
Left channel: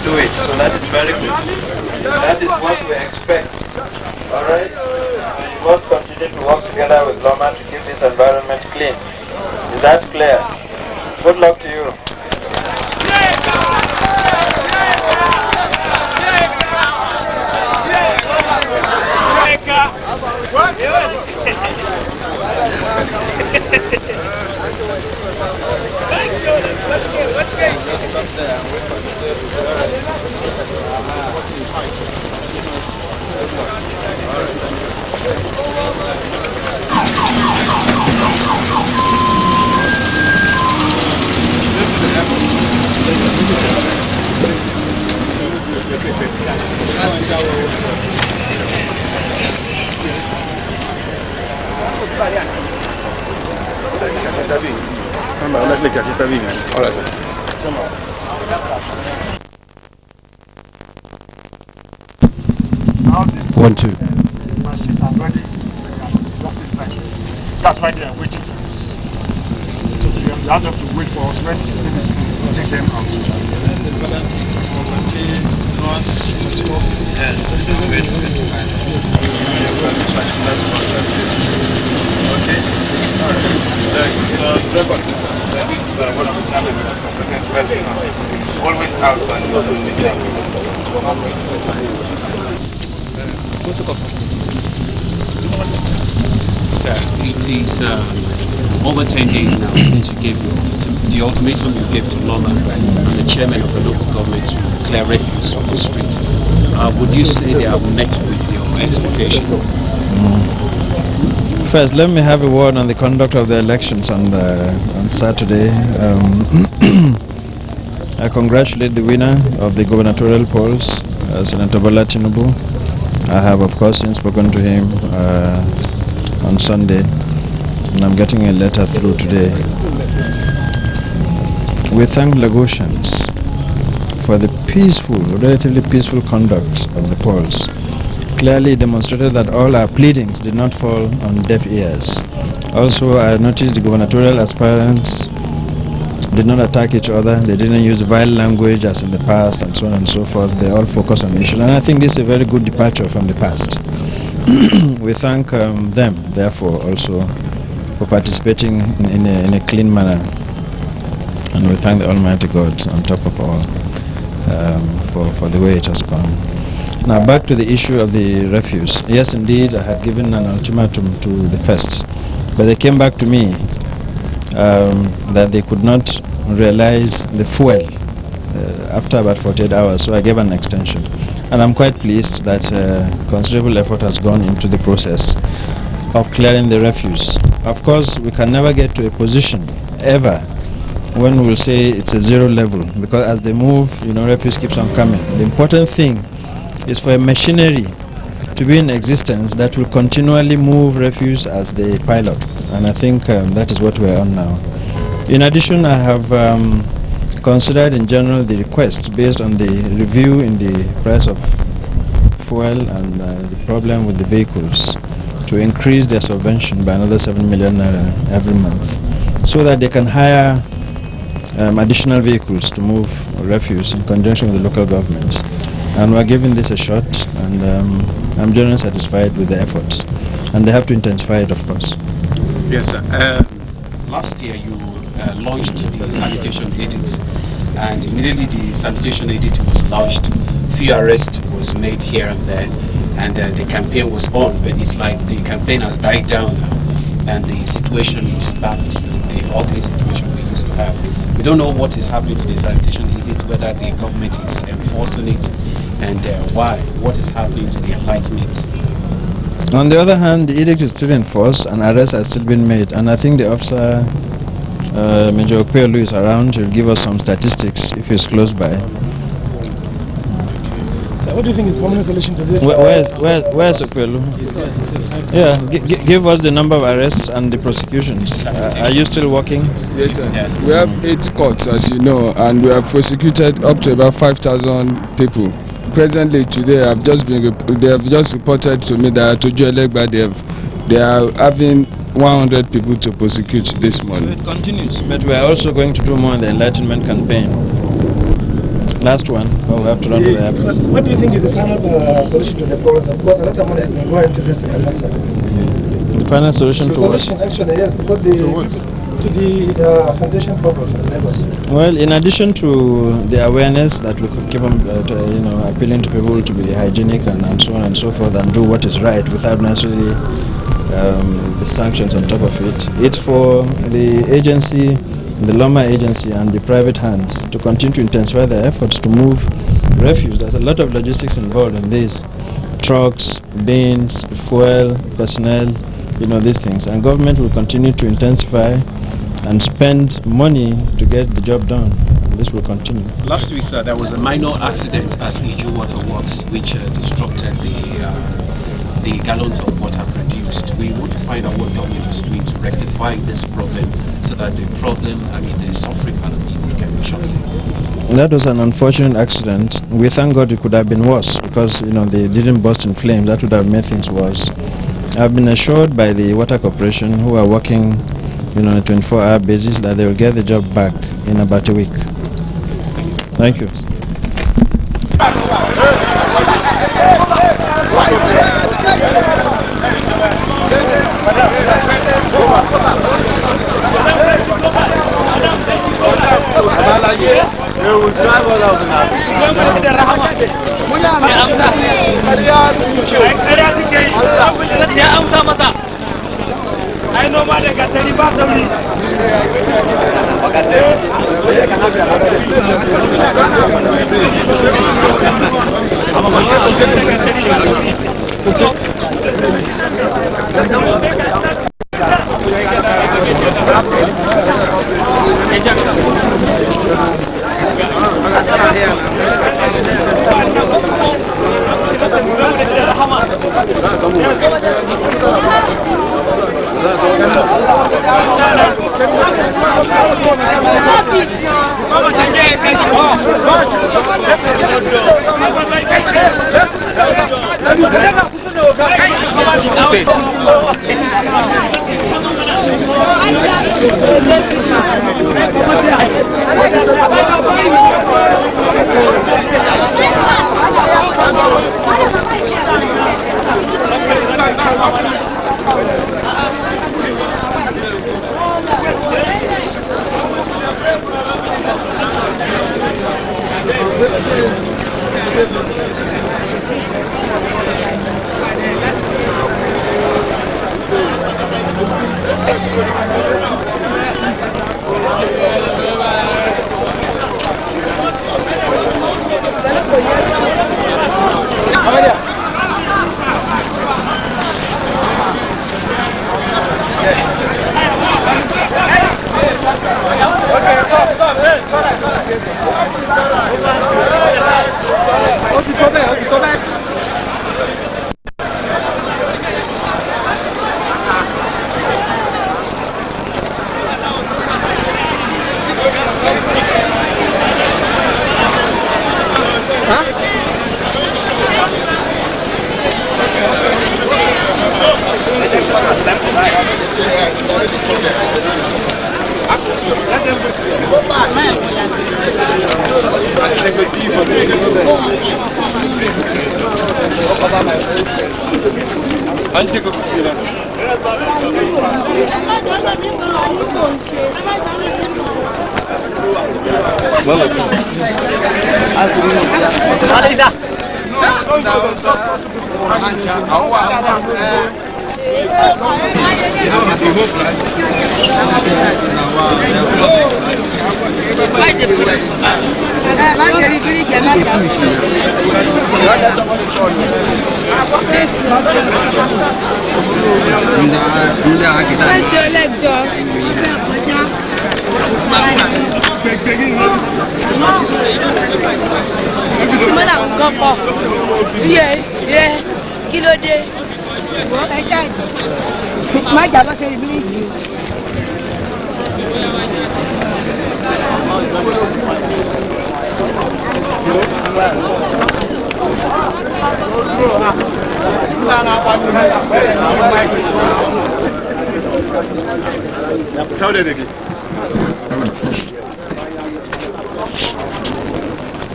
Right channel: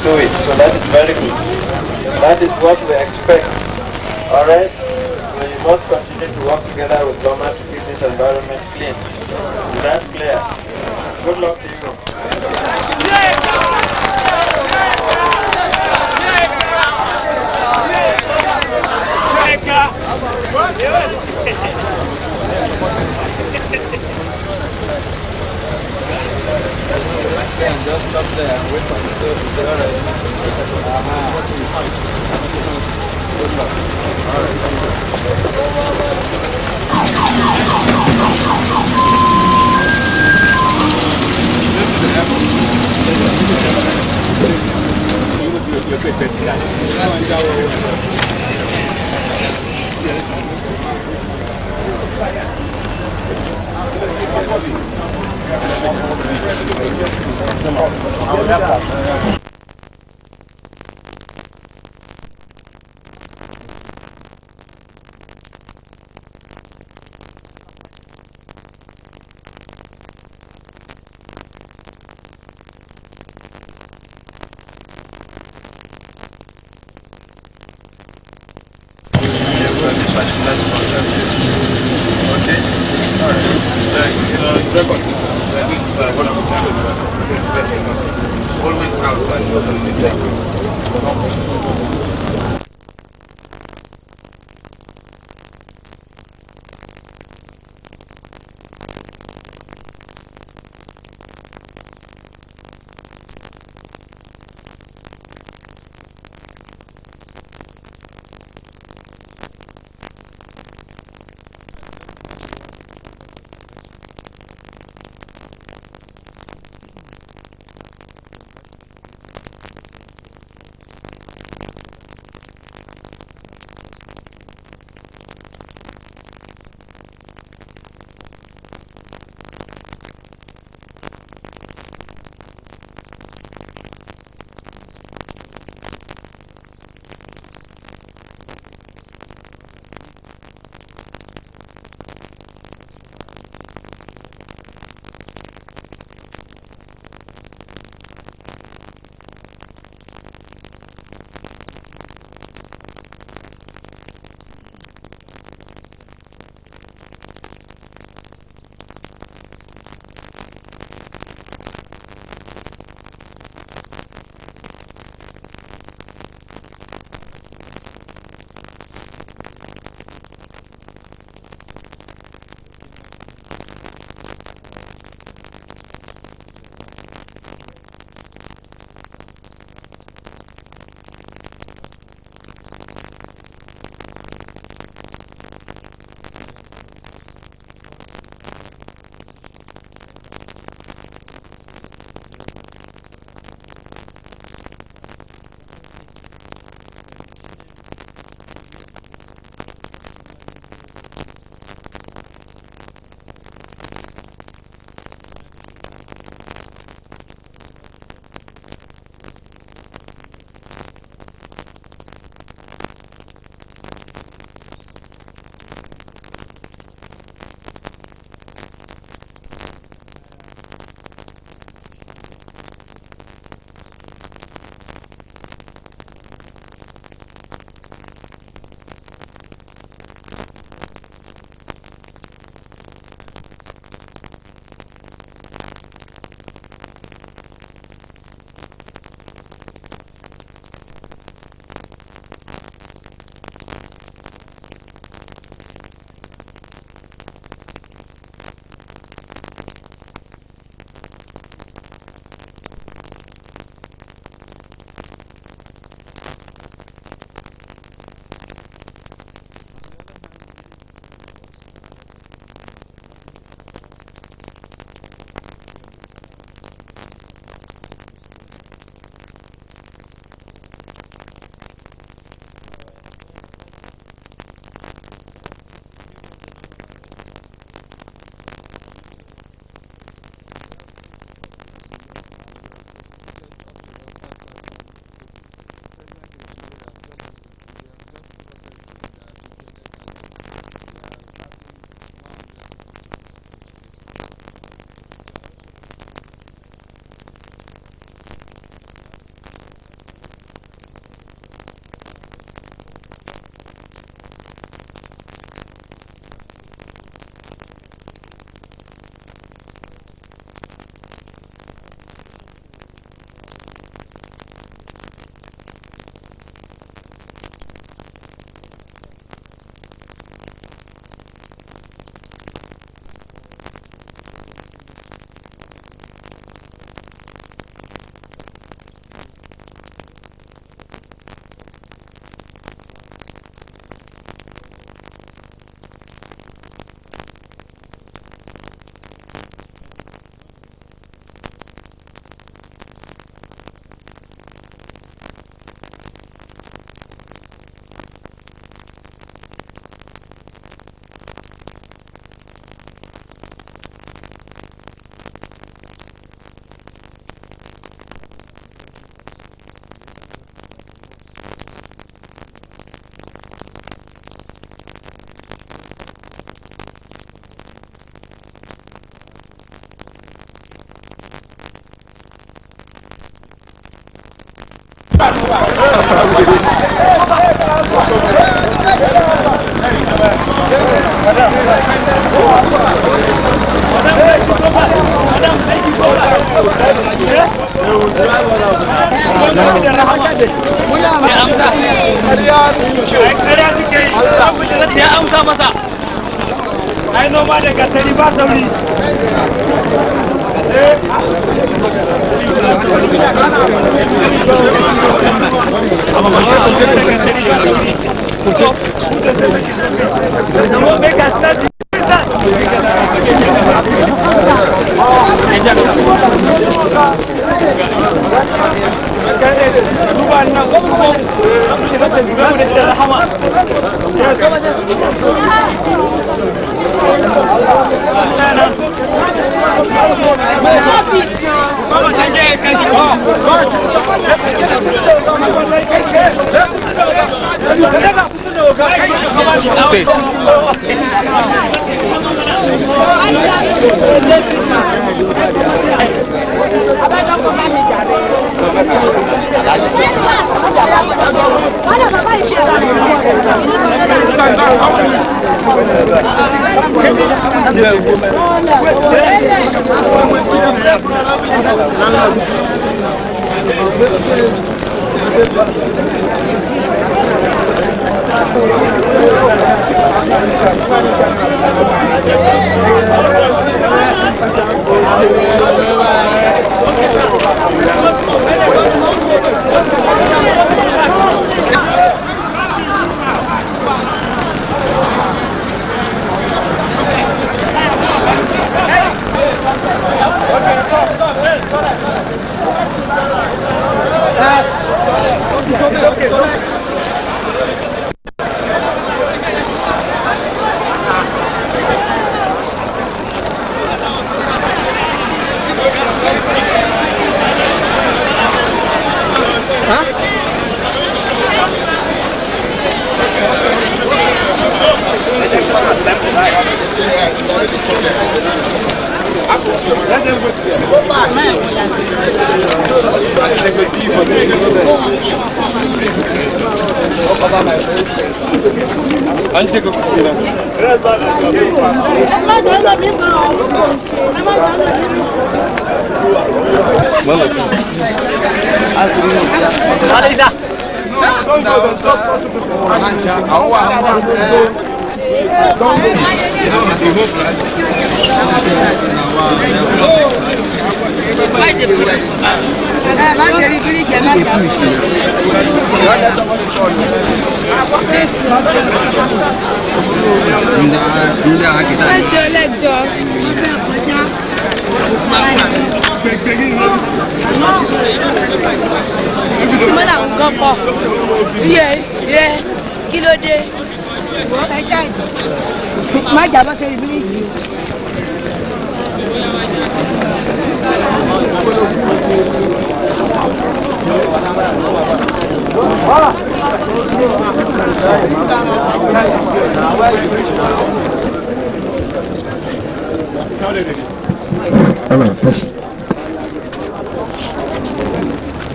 do it. So that is very good. That is what we expect. Alright? So you must continue to work together with Loma to keep this environment clean. Is that clear? Good luck to you. Just stop there and wait for the sale to say, alright. Good luck. Alright, thank One, two. That's why they are waiting. So you have to wait for us when we take them out. Always out Sir, it is over 10 days now since you gave the ultimatum you gave to Loma and the chairman of the local government to clear refuse on the street. Would you say they have met with your expectation? First, let me have a word on the conduct of the elections on Saturday. I congratulate the winner of the gubernatorial polls, Senator Bola Tinubu. I have, of course, since spoken to him on Sunday, and I'm getting a letter through today. We thank Lagosians for the peaceful, relatively peaceful conduct of the polls. Clearly demonstrated that all our pleadings did not fall on deaf ears. Also, I noticed the gubernatorial aspirants did not attack each other. They didn't use vile language as in the past and so on and so forth. They all focus on the issue. And I think this is a very good departure from the past. We thank them, therefore, also for participating in a clean manner. And we thank the Almighty God on top of all for the way it has gone. Now back to the issue of the refuse. Yes, indeed, I had given an ultimatum to the first, but they came back to me that they could not realize the fuel after about 48 hours, so I gave an extension. And I'm quite pleased that considerable effort has gone into the process of clearing the refuse. Of course, we can never get to a position, ever, when we will say it's a zero level, because as they move, refuse keeps on coming. The important thing is for a machinery to be in existence that will continually move refuse as they pile up, and I think that is what we are on now. In addition, I have considered in general the request based on the review in the price of fuel and the problem with the vehicles to increase their subvention by another 7 million every month, so that they can hire additional vehicles to move refuse in conjunction with the local governments. And we're giving this a shot, and I'm generally satisfied with the efforts. And they have to intensify it, of course. Yes, sir. Last year you launched the sanitation edict, and immediately the sanitation edict was launched, few arrests was made here and there, and the campaign was on, but it's like the campaign has died down now, and the situation is back to the ugly situation we used to have. We don't know what is happening to the sanitation edict, whether the government is enforcing it, and why, what is happening to the enlightenment. On the other hand, the edict is still in force and arrests are still being made, and I think the officer, Major Okwelu, is around. He'll give us some statistics if he's close by. So what do you think is permanent solution to this? Where's Okwelu? Yeah, give us the number of arrests and the prosecutions. Are you still working? Yes, sir. Yes. We have 8 courts, as you know, and we have prosecuted up to about 5,000 people. presently today, they have just reported to me that to Joelegba they are having 100 people to prosecute this morning. It continues, but we are also going to do more in the enlightenment campaign. Last one, we have to run to the airport. What do you think is the final solution to the problem? Because a lot of money has been going to this The final solution to what? Actually, yes, because to the sanitation problem in Lagos. Well, in addition to the awareness that we could keep on, appealing to people to be hygienic and so on and so forth and do what is right without necessarily the sanctions on top of it, it's for the agency, the Loma agency and the private hands to continue to intensify their efforts to move refuse. There's a lot of logistics involved in this. Trucks, bins, fuel, personnel, these things. And government will continue to intensify and spend money to get the job done. This will continue. Last week, sir, there was a minor accident at Iju Water Works which disrupted the gallons of water produced. We want to find out what government is doing to rectify this problem so that the suffering of the people can be shortened. That was an unfortunate accident. We thank God it could have been worse because they didn't burst in flames. That would have made things worse. I've been assured by the Water Corporation, who are working on a 24-hour basis, that they will get the job back in about a week. Thank you.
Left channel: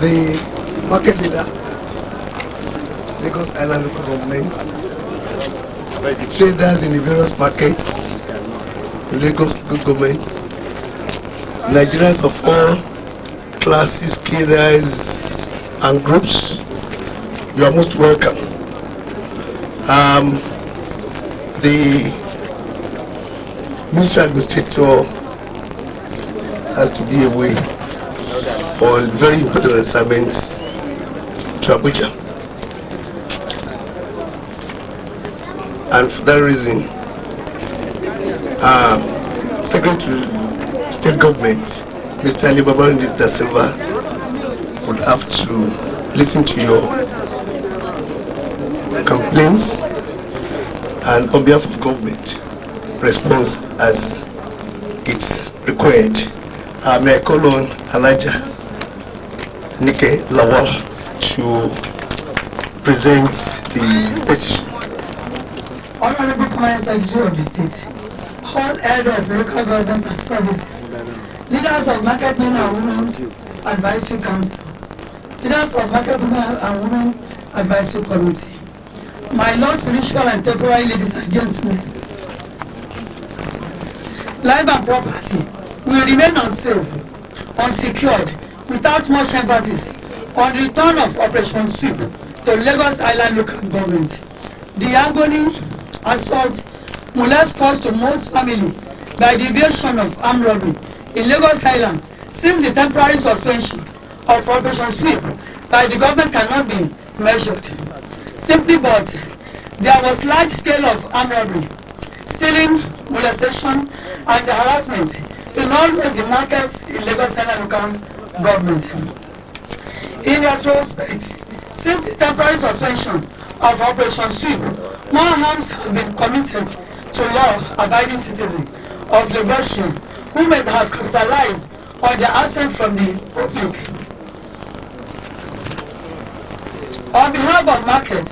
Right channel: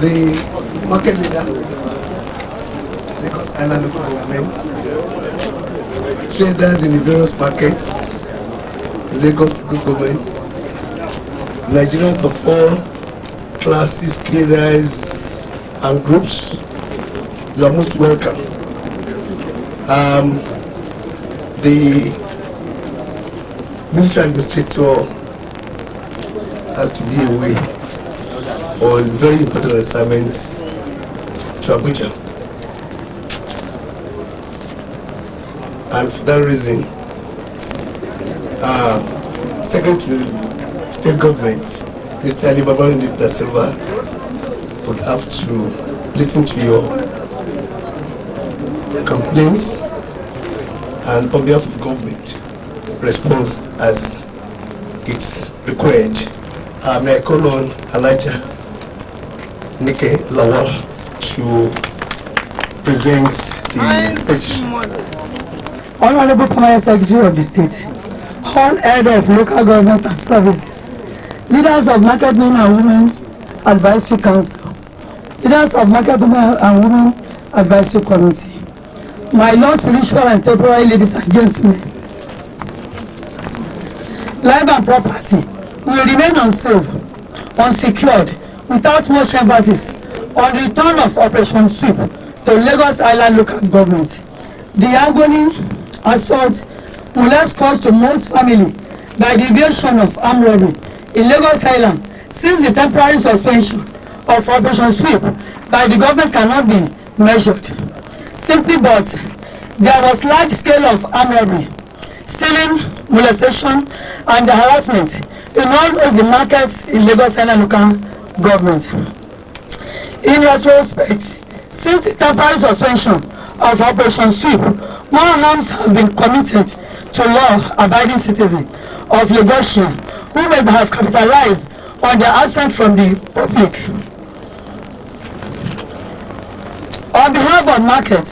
The market leader, Lagos Island local government, traders in the various markets, Lagos local government, Nigerians of all classes, cadres, and groups, you are most welcome. The Ministry Administrator has to be away for very important assignments to Abuja. And for that reason, Secretary of State Government, Mr. Ali Babatunde Da Silva, would have to listen to your complaints and on behalf of the government respond as it's required. May I call on Elijah Nike Lawal to present the petition. Honorable Permanent Secretary of the State, all heads of local government and services, leaders of market men and women advisory council, leaders of market men and women advisory committee, my Lord spiritual and temporary ladies and gentlemen, life and property will remain unsafe, unsecured, without much emphasis on the return of Operation Sweep to Lagos Island local government. The agony, assault, molest caused to most families by the evasion of armed robbery in Lagos Island since the temporary suspension of Operation Sweep by the government cannot be measured. Simply but, there was large scale of armed robbery, stealing, molestation, and harassment in all of the markets in Lagos Island local government. In retrospect, since the temporary suspension of Operation Sweep, more harms have been committed to law-abiding citizens of Lagosian who may have capitalized on their absence from the public. On behalf of Market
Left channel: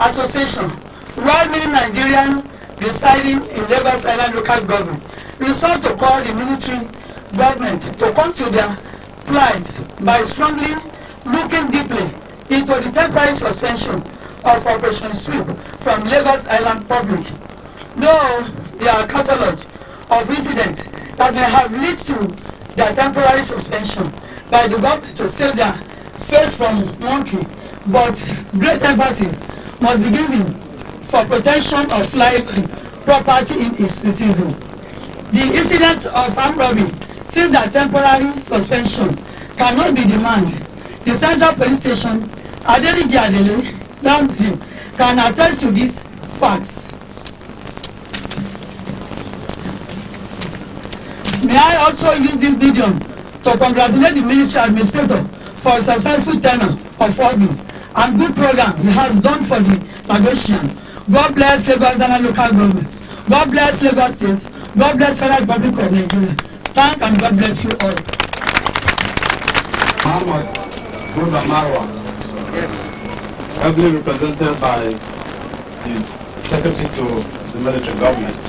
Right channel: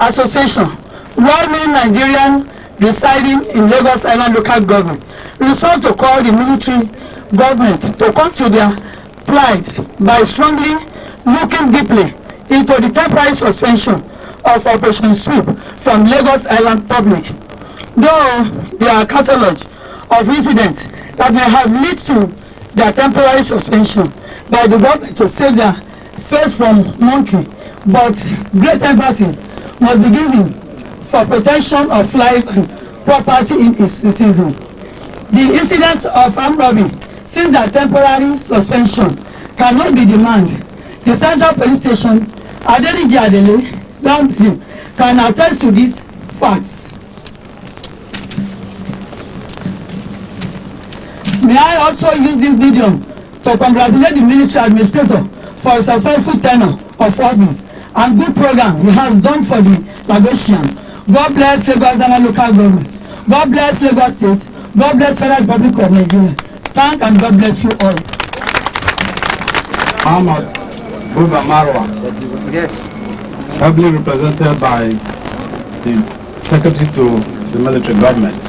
Association, well-meaning Nigerian residing in Lagos Island local government resolved to call the military government to come to their plight by strongly looking deeply into the temporary suspension of Operation Sweep from Lagos Island public. Though there are a catalog of incidents that may have led to their temporary suspension by the government to save their face from monkey, but great emphasis must be given for protection of life and property in its citizens. The incidents of armed robbery since their temporary suspension cannot be demanded. The Central Police Station, Adeniji Adele, can attest to these facts. May I also use this medium to congratulate the military administrator for a successful tenure of office and good program he has done for the Lagosian. God bless Lagos Island local government. God bless Lagos State. God bless Federal Republic of Nigeria. Thank and God bless you all. Ahmad Buba Marwa. Yes. Ably represented by the Secretary to the military government,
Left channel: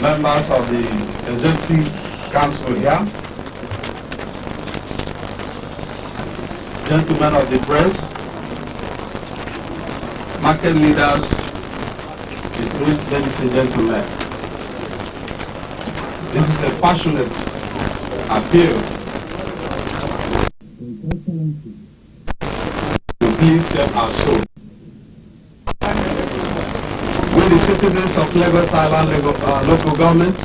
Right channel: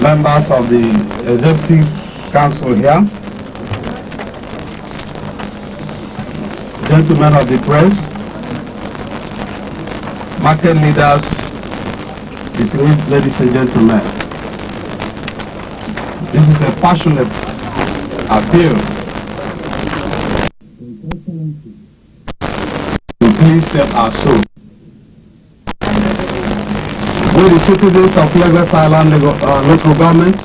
members of the Executive Council here, gentlemen of the press, market leaders, distinguished ladies and gentlemen. This is a passionate appeal to please save our soul. We, the citizens of Lagos Island local government,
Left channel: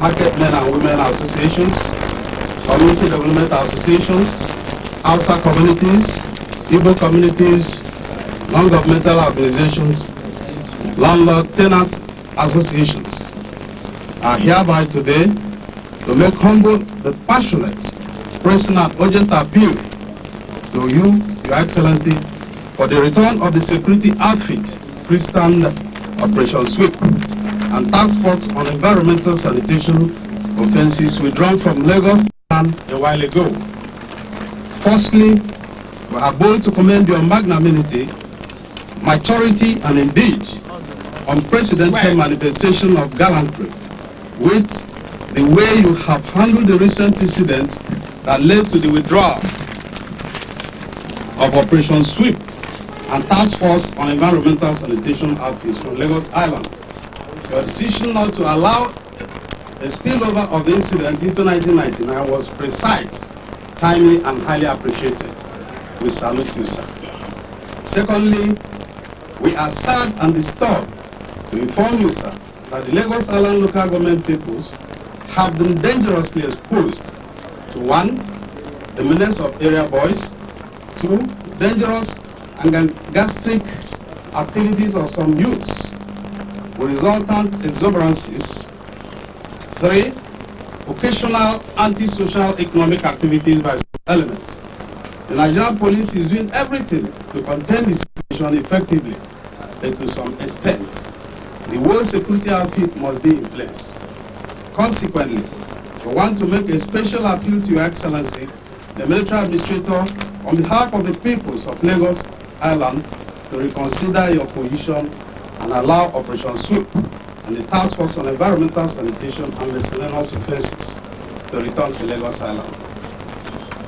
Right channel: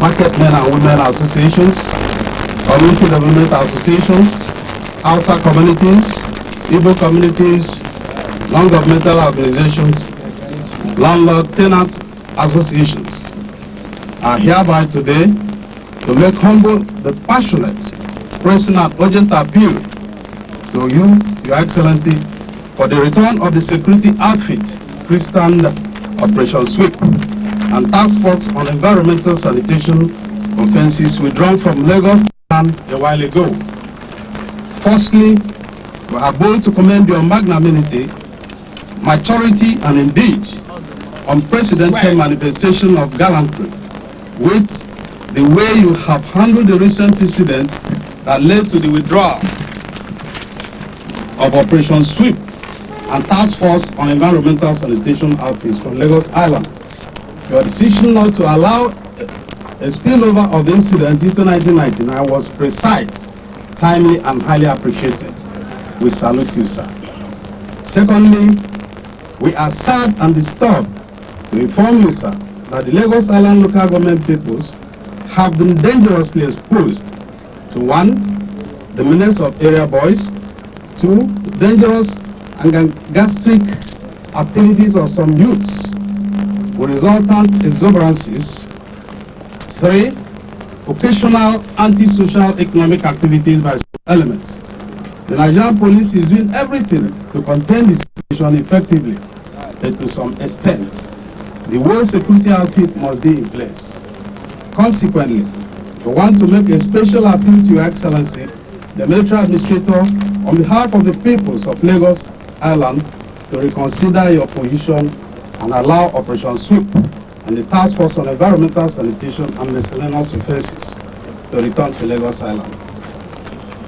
market men and women associations, community development associations, Hausa communities, Igbo communities, non-governmental organizations, landlord tenant associations are hereby today to make humble but passionate, pressing and urgent appeal to you, Your Excellency, for the return of the security outfit, Christian Operation Sweep, and task force on environmental sanitation offences withdrawn from Lagos a while ago. Firstly, we are bold to commend your magnanimity, maturity, and indeed unprecedented manifestation of gallantry with the way you have handled the recent incident that led to the withdrawal of Operation Sweep and Task Force on Environmental Sanitation outfits from Lagos Island. Your decision not to allow a spillover of the incident into 1999 was precise, timely, and highly appreciated. We salute you, sir. Secondly, we are sad and disturbed to inform you, sir, that the Lagos Island local government peoples have been dangerously exposed to 1. the menace of area boys, 2. dangerous and gastric activities of some youths with resultant exuberances, 3. occasional anti-social economic activities by some elements. The Nigerian police is doing everything to contain the situation effectively, but to some extent, the world security outfit must be in place. Consequently, we want to make a special appeal to Your Excellency, the Military Administrator, on behalf of the peoples of Lagos Island, to reconsider your position and allow Operation Sweep and the Task Force on Environmental Sanitation and Miscellaneous Offences to return to Lagos Island.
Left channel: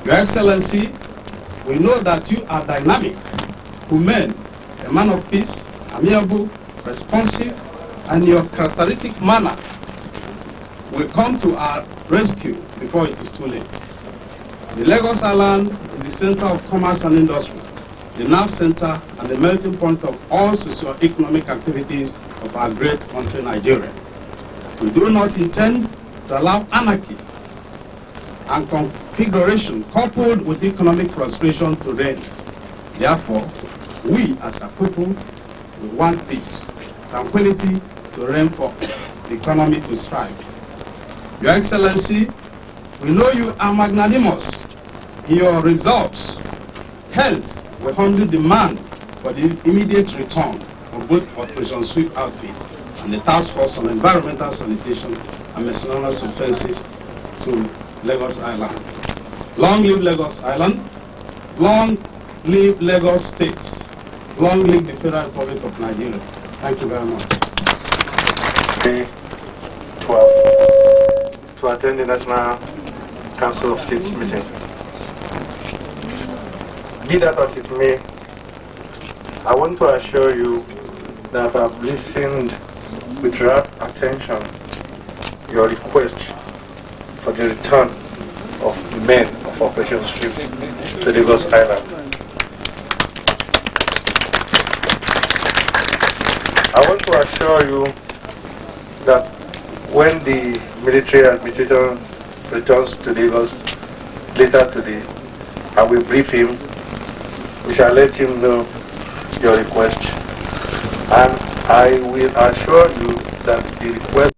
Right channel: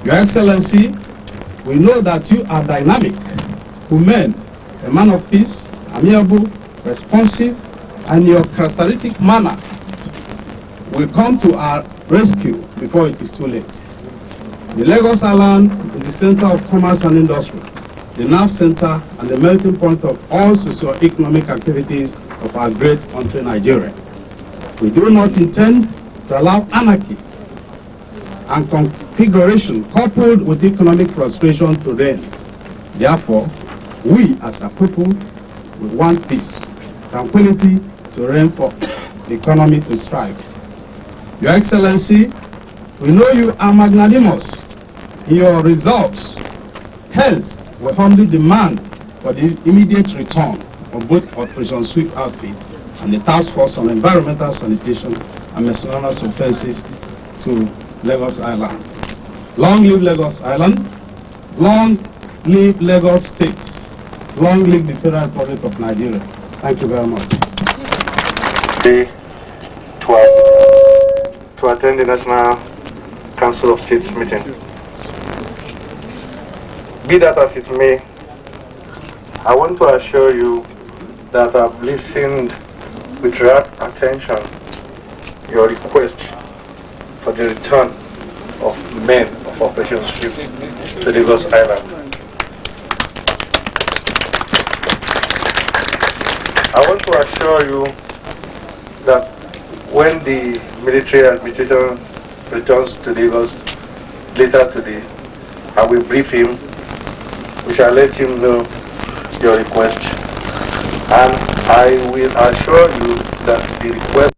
Your Excellency, we know that you are dynamic, humane, a man of peace, amiable, responsive, and your characteristic manner will come to our rescue before it is too late. The Lagos Island is the center of commerce and industry, the nerve center and the melting point of all socio-economic activities of our great country, Nigeria. We do not intend to allow anarchy and configuration coupled with economic frustration to reign. Therefore, we as a people, we want peace, tranquility to reign for the economy to strive. Your Excellency, we know you are magnanimous in your results. Hence, we humbly demand for the immediate return of both Operation Sweep outfit and the Task Force on Environmental Sanitation and Miscellaneous Offences to Lagos Island. Long live Lagos Island. Long live Lagos State. Long live the Federal Republic of Nigeria. Thank you very much. To attend the National Council of States meeting. Be that as it may, I want to assure you that I've listened with rapt attention your request for the return of the men of Operation Sweep to Lagos Island. I want to assure you that when the military administrator returns to Lagos later today, I will brief him. We shall let him know your request, and I will assure you that the request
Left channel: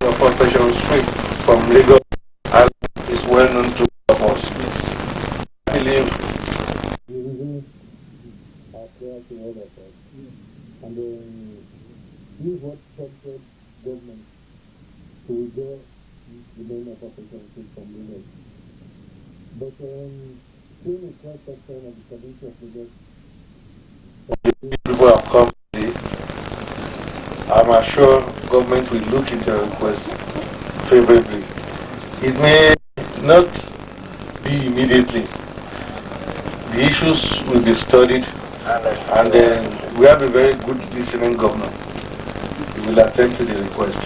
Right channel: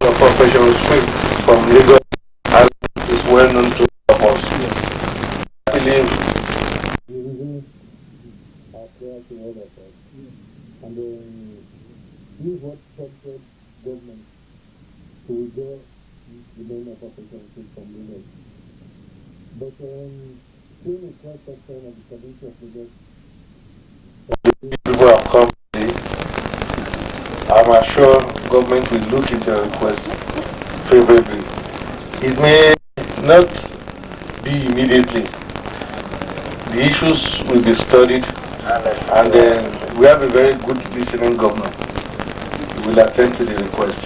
of Operation Sweep from Lagos is well known to us. Yes. I believe the reasons are clear to all of us. And we what corporate government to withdraw the name of Operation Sweep from Lagos. But during the cross section of the community of Lagos, people have come today. I'm sure government will look into your request favorably. It may not be immediately. The issues will be studied, and we have a very good listening governor. We will attend to the request.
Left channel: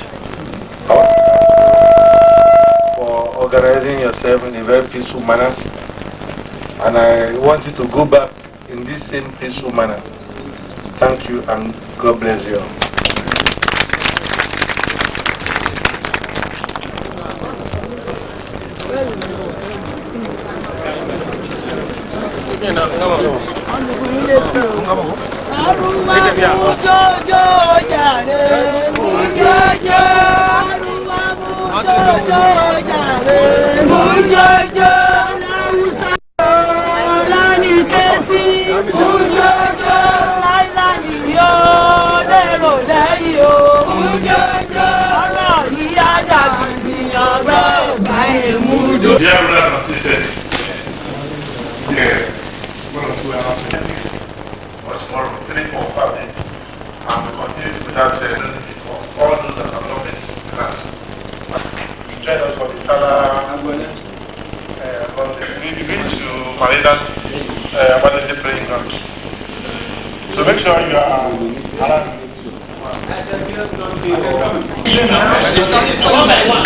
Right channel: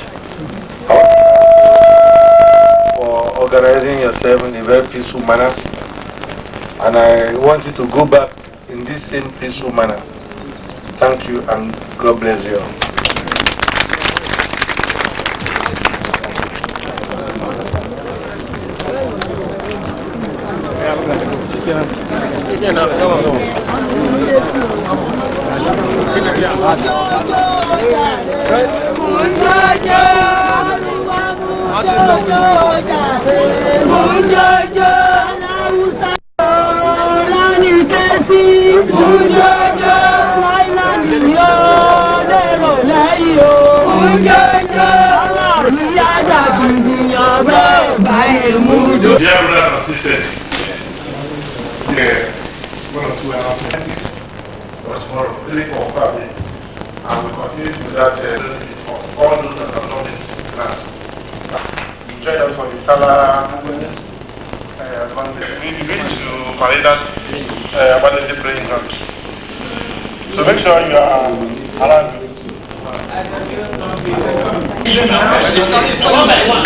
For organizing yourself in a very peaceful manner, and I want you to go back in this same peaceful manner. Thank you, and God bless you all. Mujaja, Dear brothers and sisters, one or two announcements for tomorrow, 3 for Saturday, and we continue with that for all those that have not been planned. Join us for the Tala. We need to Maridat Abadede praying ground. So make sure you are around. One by one.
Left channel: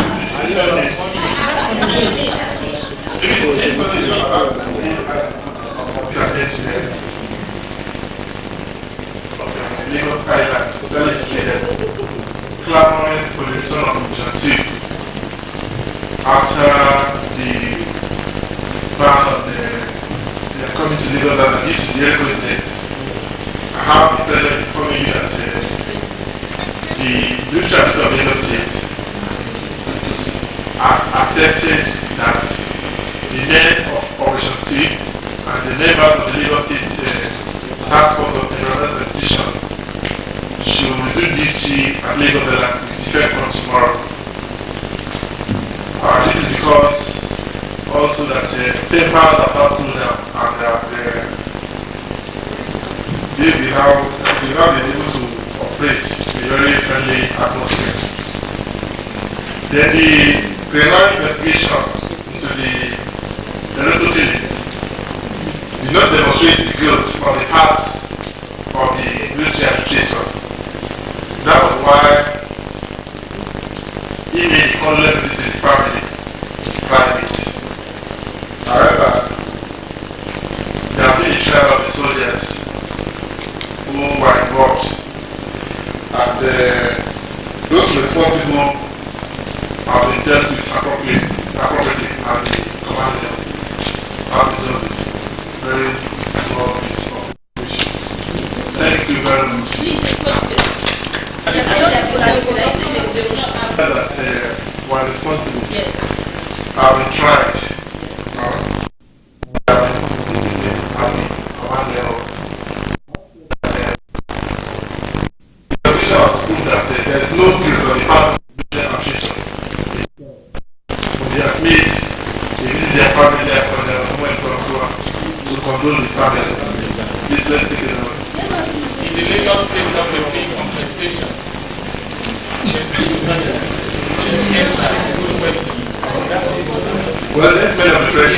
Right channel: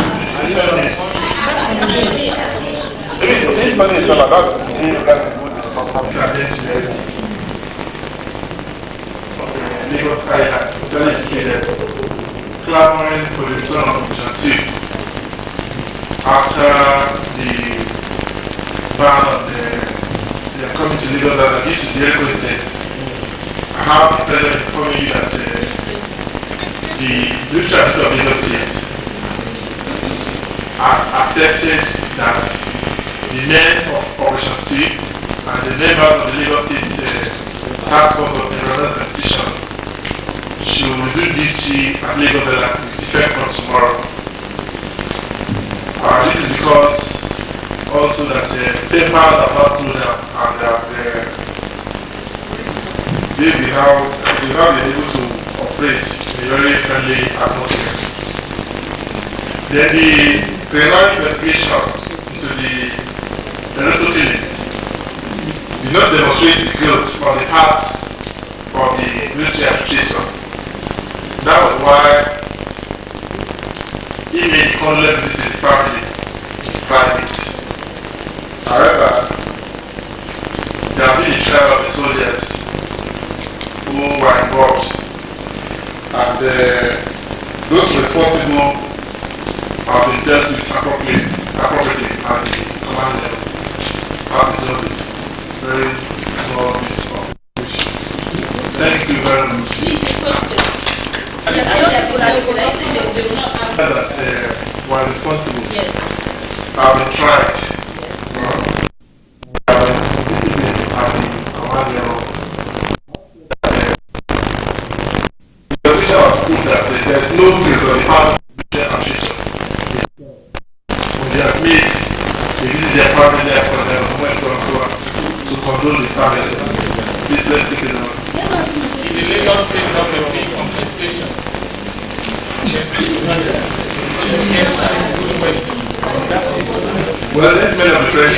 Lagos Island, well educated, clamoring for the return of Jansi after the ban of they are coming to Lagos Island due to the air incident. I have the pleasure of informing you that the military officer of Lagos State has accepted that the men of Operation C and the members of the Lagos State Task Force of Environmental Sanitation should resume duty at Lagos Island with effect from tomorrow. This is because also that tempers have not cooled down and that they will now be able to operate in a very friendly atmosphere. Then the preliminary investigation into the Loreto killing did not demonstrate the guilt on the part of the military administration. That was why he made condolences to the family in private. However, there have been a trial of the soldiers who were involved, and those responsible have been dealt with appropriately at the command level. That is just a very small bit of information. Thank you very much. That were responsible have been tried. Discipline at the command level. The position has proved that there is no guilt on the part of the administration. When they have made to visit their family after their went to condole the family. Please let's take it on. In the Lagos State government paying compensation. Well, let's make a press.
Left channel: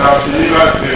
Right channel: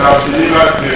I've delivered the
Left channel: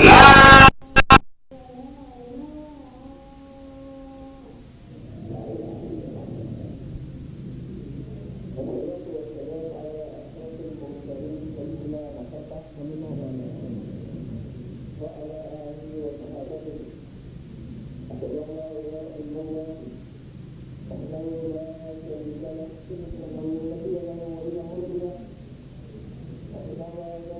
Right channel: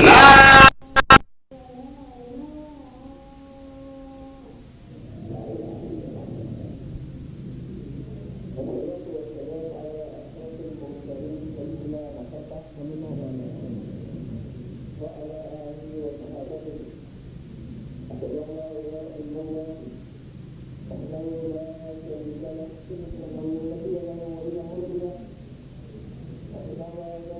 Thank you.